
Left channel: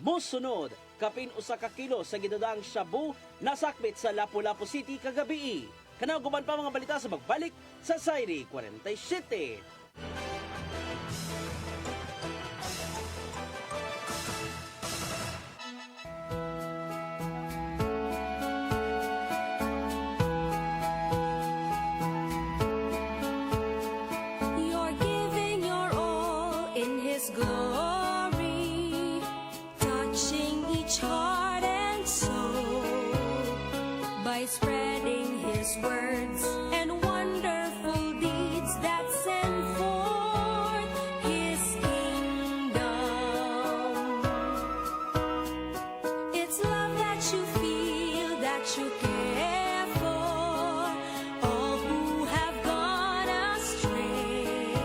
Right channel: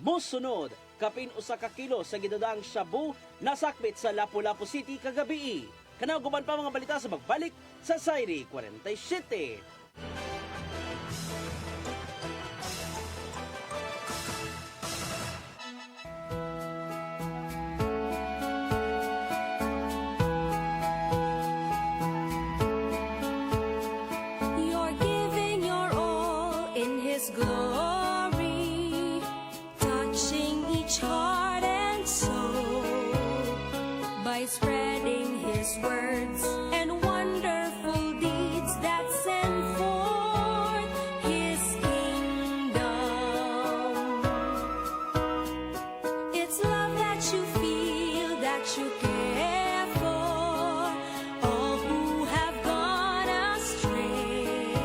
Musunod, kapin usa ka kilo sa ginudang shabu nasakbit sa Lapu-Lapu City kagabi. Kanaw guman pa mga balita sa magbalik sa Sairi 47. You're giving your all in His glory, touching each heart and soul by spreading His words and wonderful deeds that send forth His kingdom. It's love that you feel, that you care for all who have gone astray.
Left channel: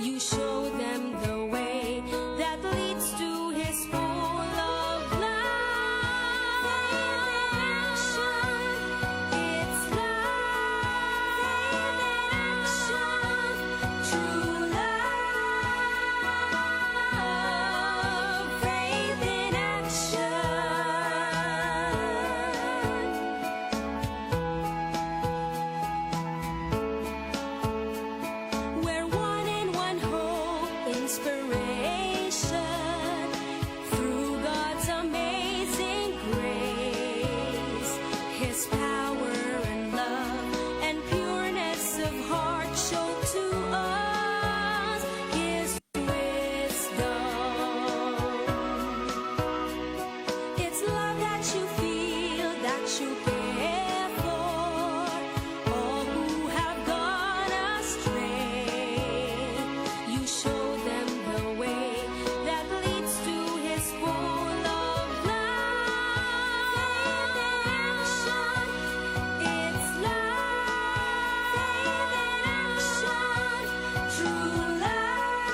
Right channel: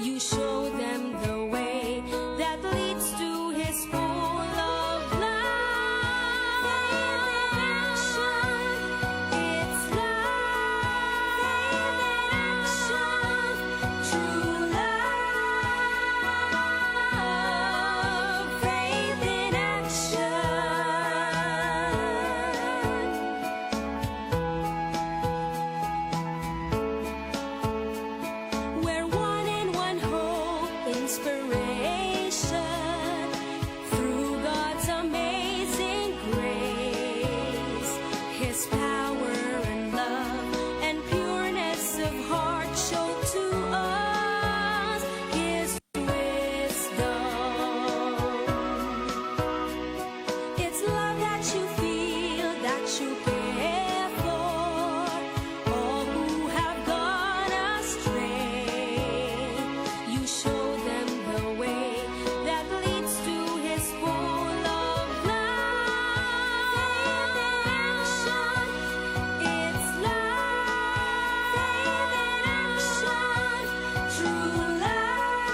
You show them the way that leads to His full of life. It's love, faith in action, we're one in one hope, inspiration through God's amazing grace. His power and love and pureness of heart show to us His wisdom. It's love that you feel, that you care for all who have gone astray. You show them the way that leads to His full of life. It's love, true love,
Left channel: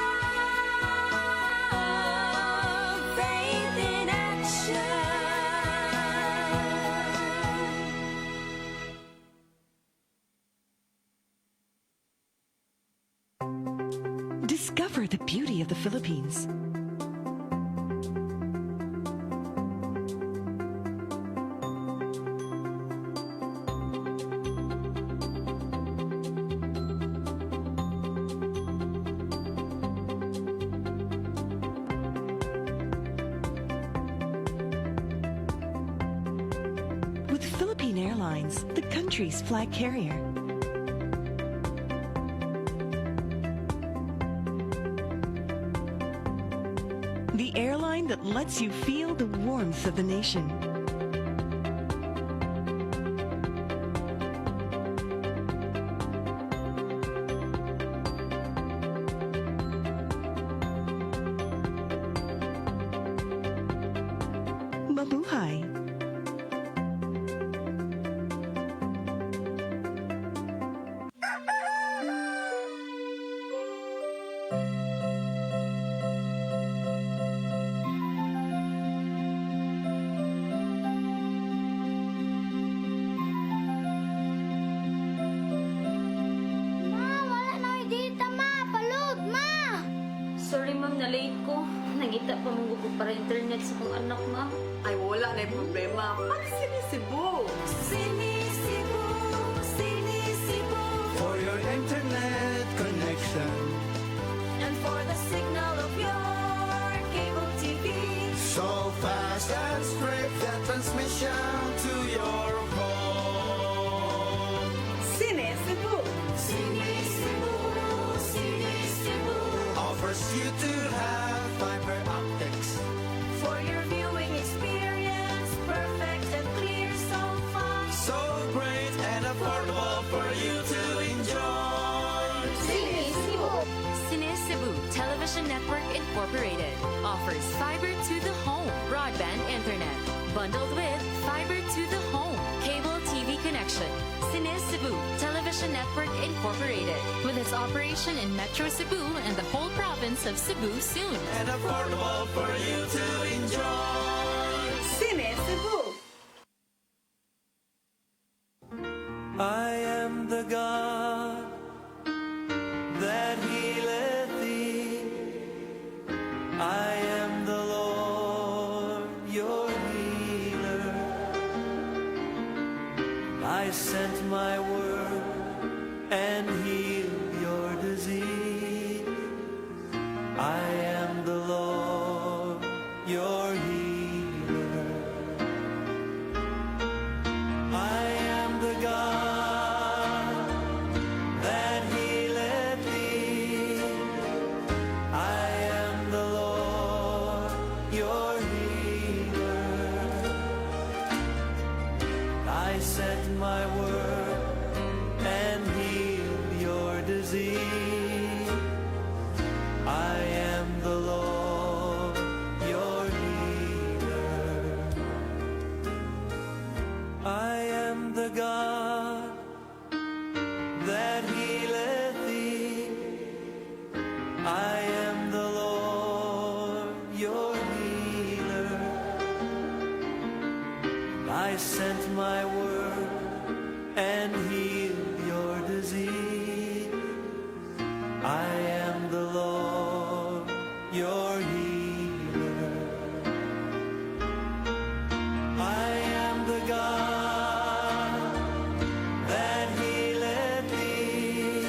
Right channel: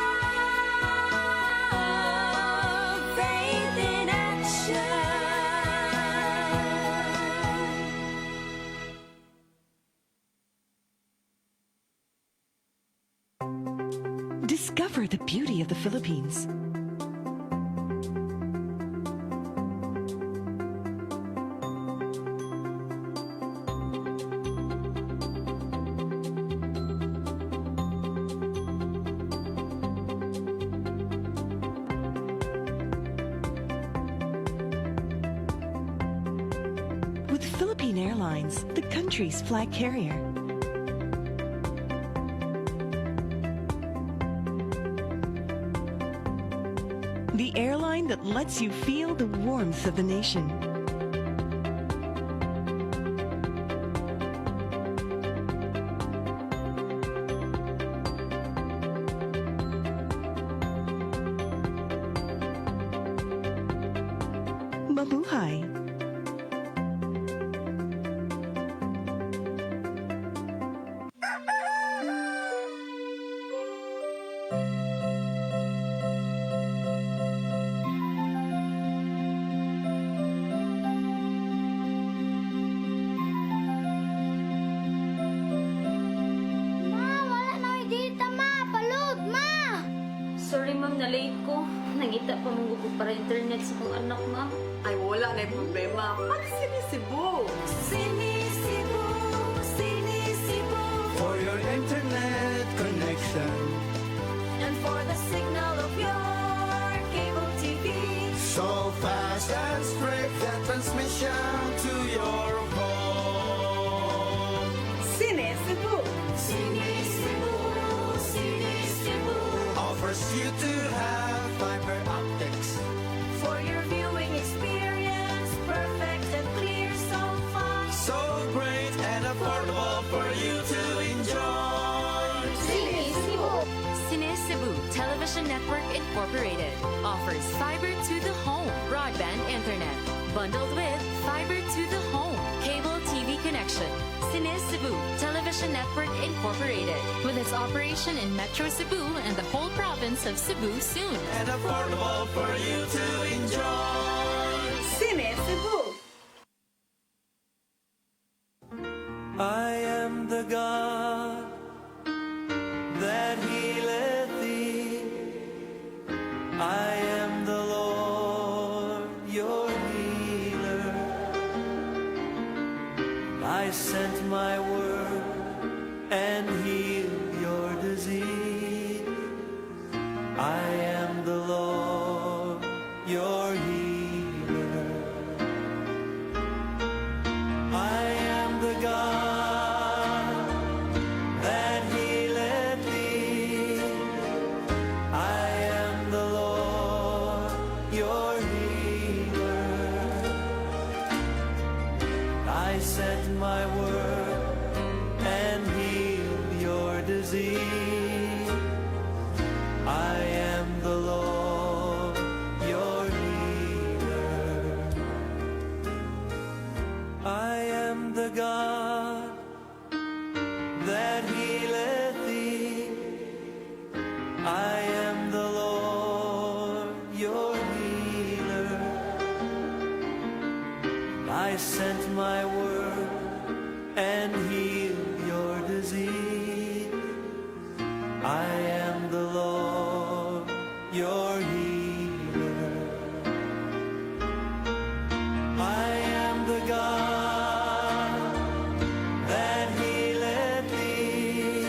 faith in action. Discover the beauty of the Philippines. with Philippine Airlines, the country's flag carrier. The airline that lets you feel the warmth of the nation. Mabuhay. Wala na dita, ma. Palod, ma. Sorry ma'am, na-late ko. Nangita ko mong gusto para internet sa kong anak ma'am. Ay, wala na yung problema. Mag-sinisibo. Sinisibo, sinisibo. For your internet connection. And for the signal of your cable TV. So fast and straight for transmission to your phone. Sinisibo. Sinisibo, Sinisibo offers you to have fiber optics. For your viewing experience, perfect and clear so far. So great and affordable for you to enjoy. Sinisibo. Sinisibo Television Network Incorporated offers fiber to the home broadband internet bundled with fiber to the home cable TV connection. Sinisibo Television Network Incorporated with its operation in Metro Cebu and the whole province of Cebu soon. And affordable for you to enjoy. Sinisibo. I am the God that healeth thee. I am the Lord, your healer. I sent my word and healed your disease. I am the Lord, your healer. I am the God that healeth thee. I am the Lord, your healer. I sent my word and healed your disease. I am the Lord, your healer. I am the God that healeth thee. I am the Lord, your healer. I sent my word and healed your disease. I am the Lord, your healer. I am the God that healeth thee.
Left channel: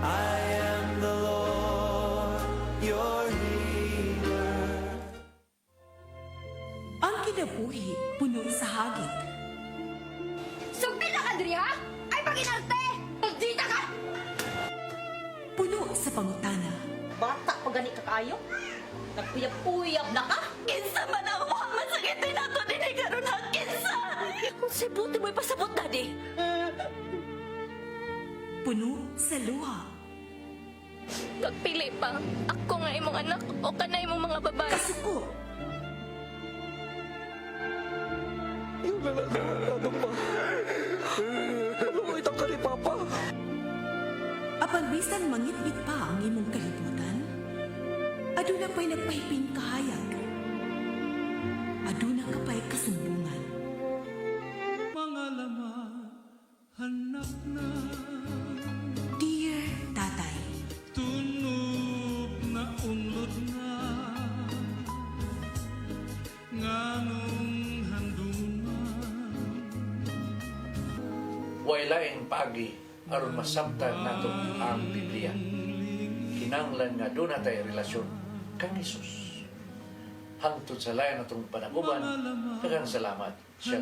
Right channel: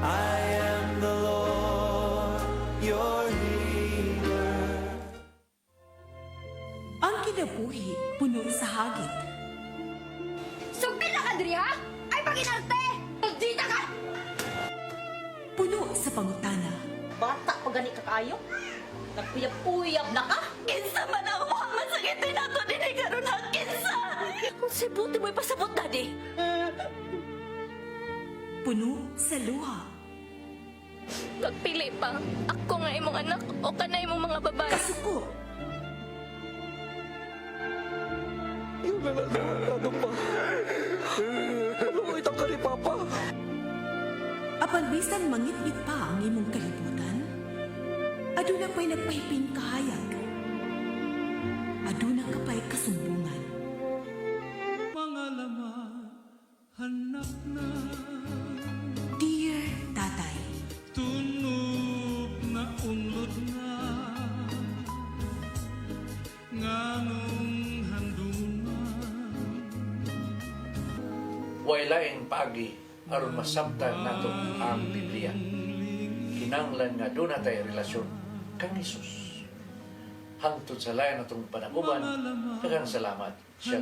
I am the Lord, your healer. Ang kinabuhi, puno sa hagit. Sumpi lang, Andrea! Ay, Panginoon! Pagdita ka! Puno sa pangutana. Bata pa gani ka kayo? Nagpuyag-puyag na ka? Kinsa man ako! Masakitin ako din ay gano'n na kinsa! Kung si Buti mo'y pasabot na di. Puno sa luha. Magpili pa. Ako nga imong anak o kanay imong mga babae. Kasuko. Apan bisan mangit-ngit pa ang imong kalibutan, aduna pa'y nagpahiping kahayag. Aduna ka pa'y kasumbungan. Mga laman, hanap na. Dear Tatay, Tunog na unod na. Nganong handungan. Wailaing paagi aron masabtan nato ang Biblia. Kinanglan nga doon na tayo relasyon kang Jesus. Hangtod sa layan natong panaguban, daghang salamat. siya.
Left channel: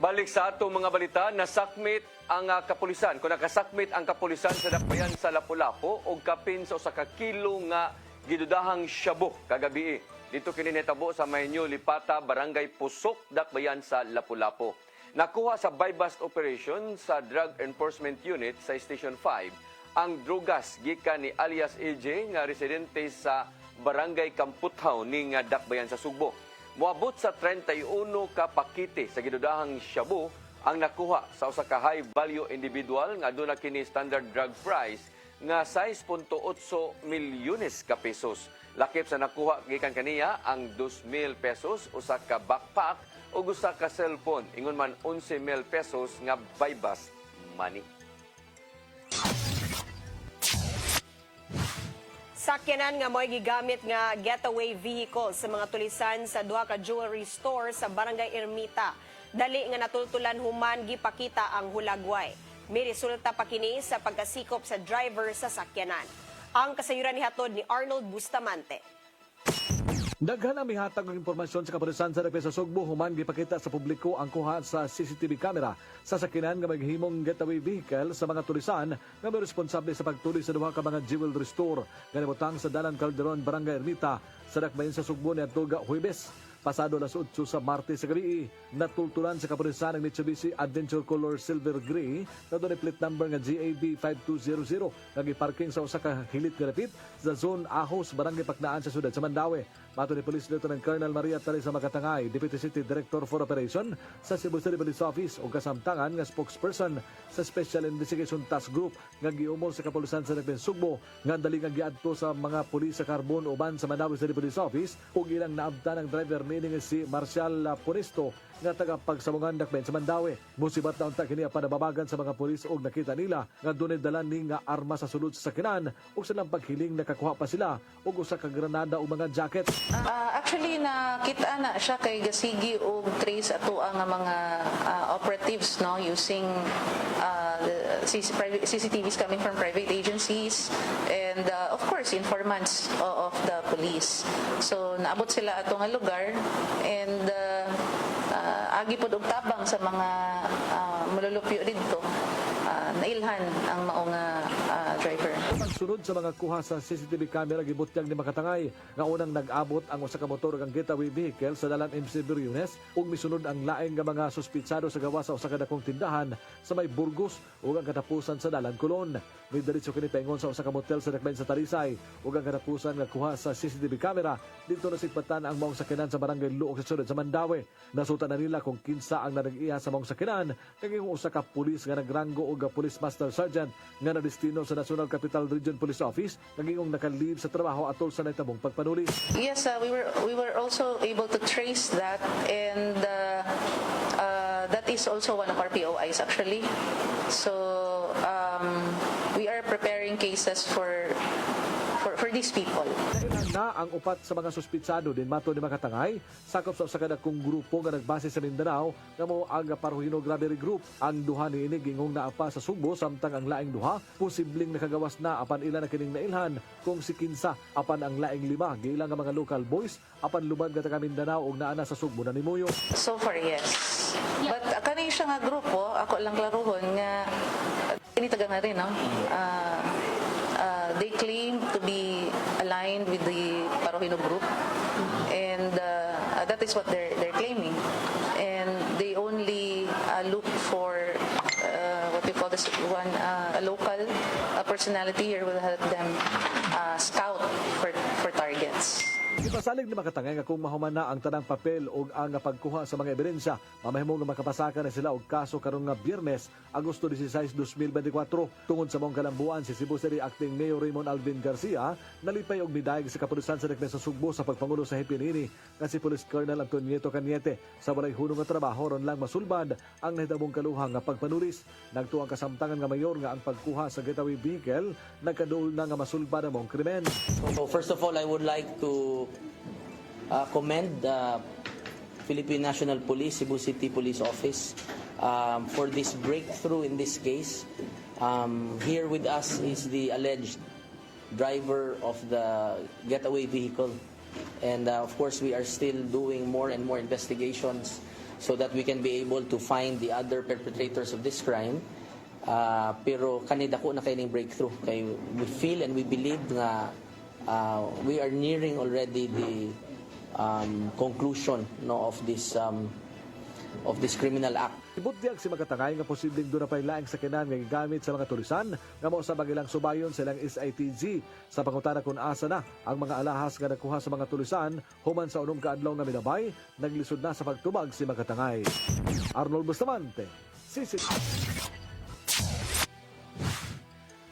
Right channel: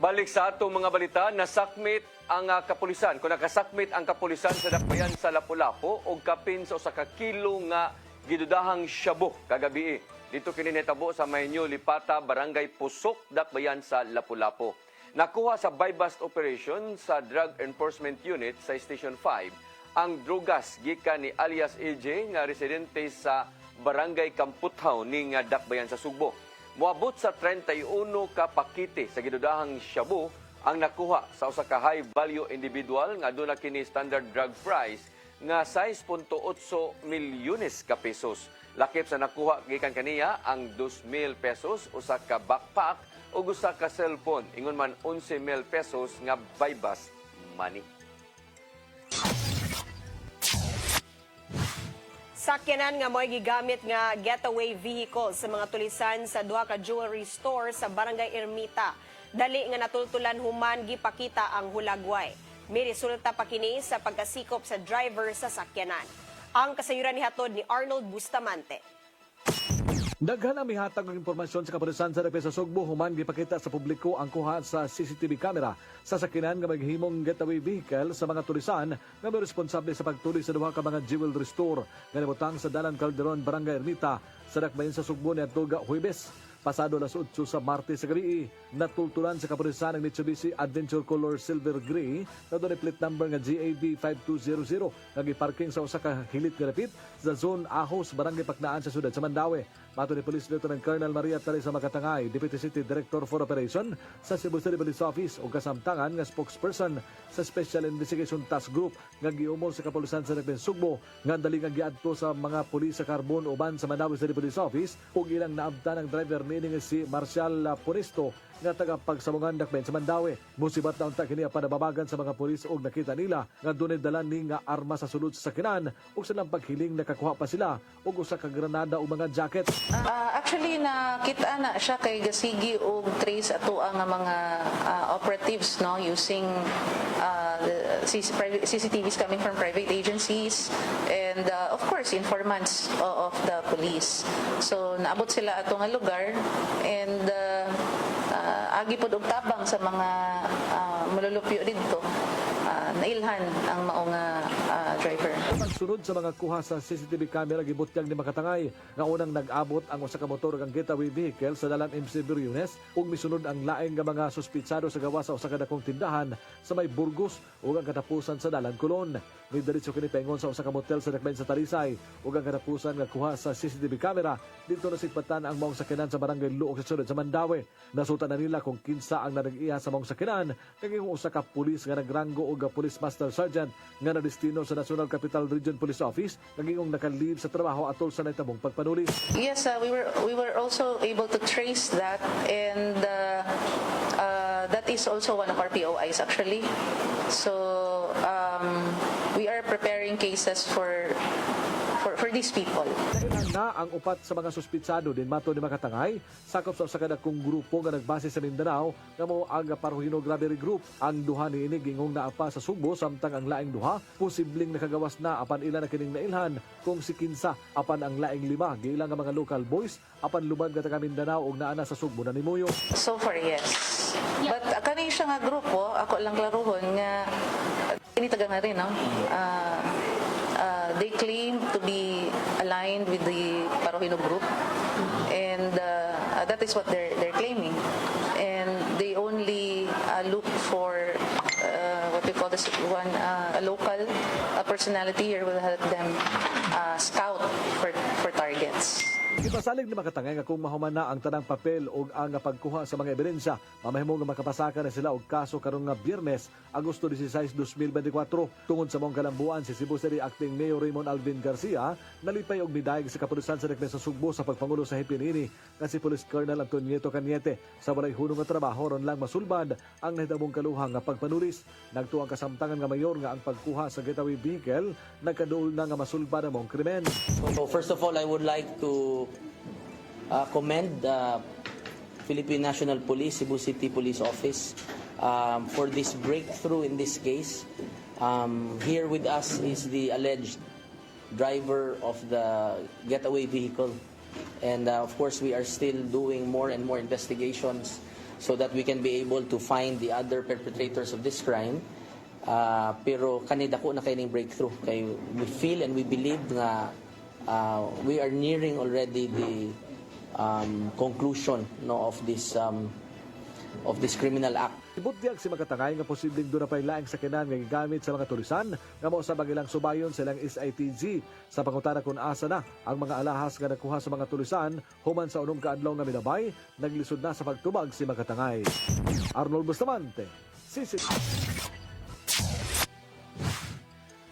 Balik sa atong mga balita, nasakmit ang kapulisan. Kung nakasakmit ang kapulisan sa dakbayan sa Lapu-Lapu o kapin sa usa ka kilo nga gidudahang shabu kagabi. Dito kini nahitabo sa Maynyo, Lipata, Barangay Pusok, dakbayan sa Lapu-Lapu. Nakuha sa buy-bust operation sa Drug Enforcement Unit sa Station 5 ang drugas gikan ni alias AJ nga residente sa Barangay Kamputhaw ning dakbayan sa Sugbo. Moabot sa 31 ka pakite sa gidudahang shabu ang nakuha sa usa ka high value individual nga aduna kini standard drug price nga 6.8 milyones ka pesos. Lakip sa nakuha gikan kaniya ang 2,000 pesos, usa ka backpack ug usa ka cellphone, ingon man 11,000 pesos nga buy-bust money. Sakyanan nga mo'y gigamit nga getaway vehicle sa mga tulisan sa duha ka jewelry store sa Barangay Ermita. Dali nga natultulan human gipakita ang hulagway. May resulta pa kini sa pagkasikop sa driver sa sakyanan. Ang kasayuran ni hatod ni Arnold Bustamante. Daghan ang mihatag ng impormasyon sa kapulisan sa Repesa Sugbo human gipakita sa publiko ang kuha sa CCTV camera sa sakyanan nga maghimong getaway vehicle sa mga tulisan nga may responsable sa pagtulis sa duha ka mga jewelry store nga nabutang sa Dalan Calderon, Barangay Ermita sa dakbayan sa Sugbo ni Adtoga Huwebes. Pasado alas 8 sa Martes sa gabi, natultulan sa kapulisan ng Mitsubishi Adventure Color Silver Gray na doon plate number nga GAB 5200 nga giparking sa usa ka hilit nga rapid sa Zone Ahos, Barangay Paknaan sa sudad sa Mandaue. Mato ni Police Lieutenant Colonel Maria Teresa Makatangay, Deputy City Director for Operation sa Cebu City Police Office o kasamtangan nga spokesperson sa Special Investigation Task Group nga giumol sa kapulisan sa Repesa Sugbo nga dali nga giadto sa mga pulis sa Carbon uban sa Mandaue City Police Office ug ilang naabtan ang driver meaning si Marcial Ponisto nga tagapagsamungan dakbayan sa Mandaue. Musibat na unta kini panababagan sa mga pulis ug nakita nila nga dunay dala ni nga arma sa sulod sa sakyanan ug silang paghiling nakakuha pa sila ug usa ka granada o mga jacket. Actually nakita na siya kay gasigi og trace ato ang mga operatives no using the CCTVs coming from private agencies and of course informants of the police. So naabot sila ato nga lugar and agi pod og tabang sa mga malulupyo didto. Nailhan ang mao nga driver. Sunod sa mga kuha sa CCTV camera gibutyag ni Makatangay nga unang nag-abot ang usa ka motor kang getaway vehicle sa Dalan MC Briones ug misunod ang laing nga mga suspitsado sa gawas sa usa ka dakong tindahan sa may Burgos ug ang katapusan sa Dalan Colon. May diretso kini paingon sa usa ka motel sa dakbayan sa Talisay ug ang katapusan nga kuha sa CCTV camera dito nasigpatan ang maong sakyanan sa Barangay Luok sa sudad sa Mandaue. Nasuta na nila kung kinsa ang nanag-iya sa maong sakyanan kay usa ka pulis nga nagranggo og Police Master Sergeant nga nadestino sa National Capital Region Police Office nagingong naka-leave sa trabaho atol sa naitabong pagpanuli. Yes, we were also able to trace that and that is also one of our POIs actually. So we are preparing cases for these people. Na ang upat sa mga suspitsado din mato ni Makatangay sakop sa usa ka dakong grupo nga nagbase sa Mindanao nga mao ang Paruhino Grabery Group. Ang duha niini gingong naapa sa Sugbo samtang ang laing duha posibleng nakagawas na apan ila na kining nailhan kung si kinsa apan ang laing lima giilang nga mga local boys apan lubad nga taga Mindanao ug naana sa Sugbo na mimuyo. So far yes. But kani siya nga grupo ako lang laruhon nga ini taga na rin no. They claim to be aligned with the Paruhino group and that is what they're claiming and they only look for what we call this one a local personality here will help them scout for targets. Ipasalig ni makatangay nga kung mahuman na ang tanang papel o ang pagkuha sa mga ebidensya, mamahimo nga makapasaka na sila og kaso karon nga Biyernes, Agosto 16, 2024. Tungod sa mong kalambuan si Cebu City Acting Mayor Raymond Alvin Garcia nalipay og midayeg sa kapulisan sa Rekta sa Sugbo sa pagpangulo sa Hipinini nga si Police Colonel Antonio Cañete sa walay hunong nga trabaho ron lang masulbad ang nahitabong kaluhang nga pagpanulis. Nagtuang kasamtangan nga mayor nga ang pagkuha sa getaway vehicle nagkaduol na nga masulbad ang mong krimen. So first of all, I would like to commend Philippine National Police, Cebu City Police Office for this breakthrough in this case. Here with us is the alleged driver of the getaway vehicle. And of course, we are still doing more and more investigations so that we can be able to find the other perpetrators of this crime. Pero kanida ko na kaining breakthrough. Kay we feel and we believe nga we are nearing already the conclusion of this criminal act. Ibutyag si makatangay nga posibleng doon na pa'y laing sakinan nga gigamit sa mga tulisan nga mo sa ilang subayon sa ilang SITG sa pangutana kung asa na ang mga alahas nga nakuha sa mga tulisan human sa unong kaadlaw nga minabay, naglisod na sa pagtubag si makatangay. Arnold Bustamante, CCTV.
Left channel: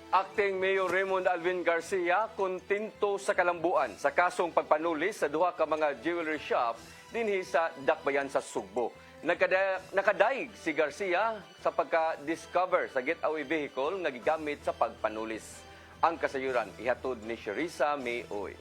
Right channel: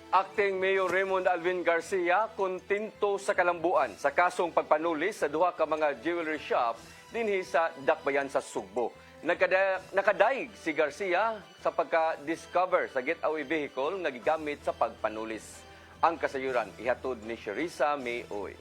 Acting Mayor Raymond Alvin Garcia kontento sa kalambuan sa kasong pagpanulis sa duha ka mga jewelry shop dinhi sa Dakbayan sa Sugbo. Nakadaig si Garcia sa pagka-discover sa getaway vehicle nga gigamit sa pagpanulis. Ang kasayuran ihatod ni Sherissa Mayoy.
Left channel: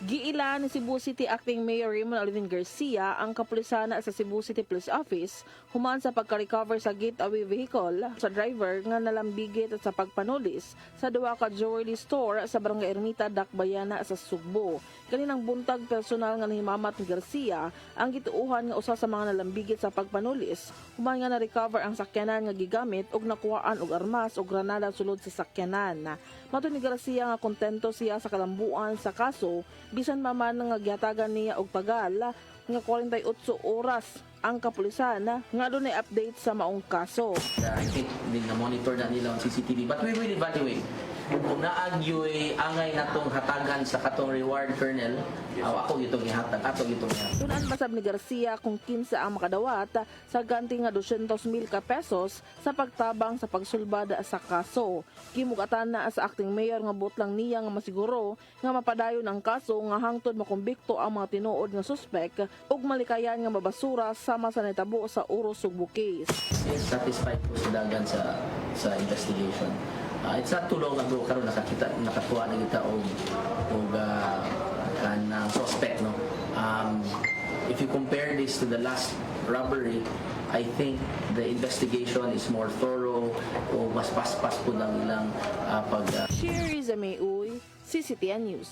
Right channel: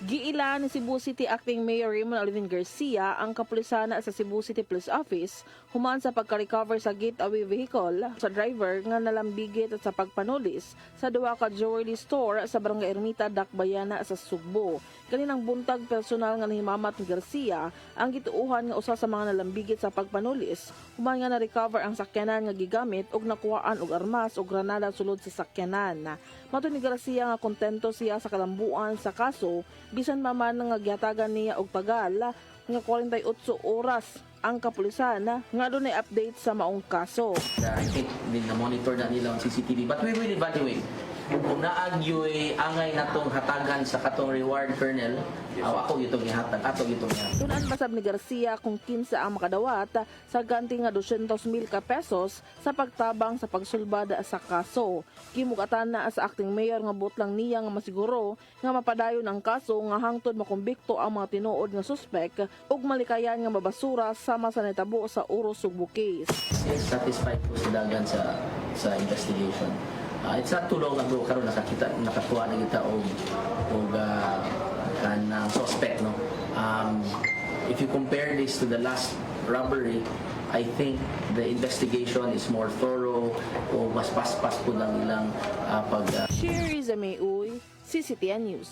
Giila ni Cebu City Acting Mayor Raymond Alvin Garcia ang kapulisan sa Cebu City Police Office human sa pagka-recover sa getaway vehicle sa driver nga nalambigit sa pagpanulis sa duha ka jewelry store sa Barangay Ermita, Dakbayana sa Sugbo. Kaninang buntag personal nga nahimamat ni Garcia ang gituuhan nga usa sa mga nalambigit sa pagpanulis human nga na-recover ang sakyanan nga gigamit ug nakuhaan og armas ug granada sulod sa sakyanan. Matud ni Garcia nga kontento siya sa kalambuan sa kaso bisan maman nga gihatagan niya og tagal nga 48 oras ang kapulisan nga dunay update sa maong kaso. I think na-monitor na nila ang CCTV, but we will evaluate. Kung naagyoy angay natong hatagan sa katong reward, Colonel, ako itong ihatag, Tunan basab ni Garcia kung kinsa ang makadawat sa ganti nga 200,000 ka pesos sa pagtabang sa pagsulbad sa kaso. Kimugatan na sa acting mayor nga butlang niya nga masiguro nga mapadayon ang kaso nga hangtod makumbikto ang mga tinuod nga suspek ug malikayan nga mabasura sama sa natabo sa Uros Sugbo case. Satisfied po sa dagan sa investigation. It's not too long ago karon nakakuha na kita og kanang suspect, no. If you compare this to the last robbery, I think the investigation is more thorough o mas paspas po lang ilang pag Sherissa Mayoy, CCTN News.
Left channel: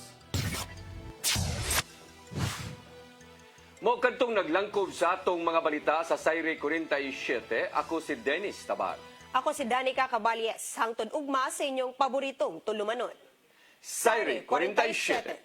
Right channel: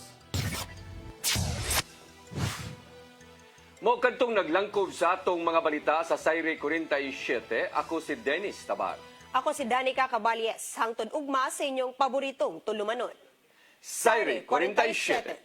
Mo kadtong naglangkob sa atong mga balita sa Sayre 47, ako si Dennis Tabar. Ako si Danica Caballes, hangtod ugma sa inyong paboritong tulumanon. Sayre 47.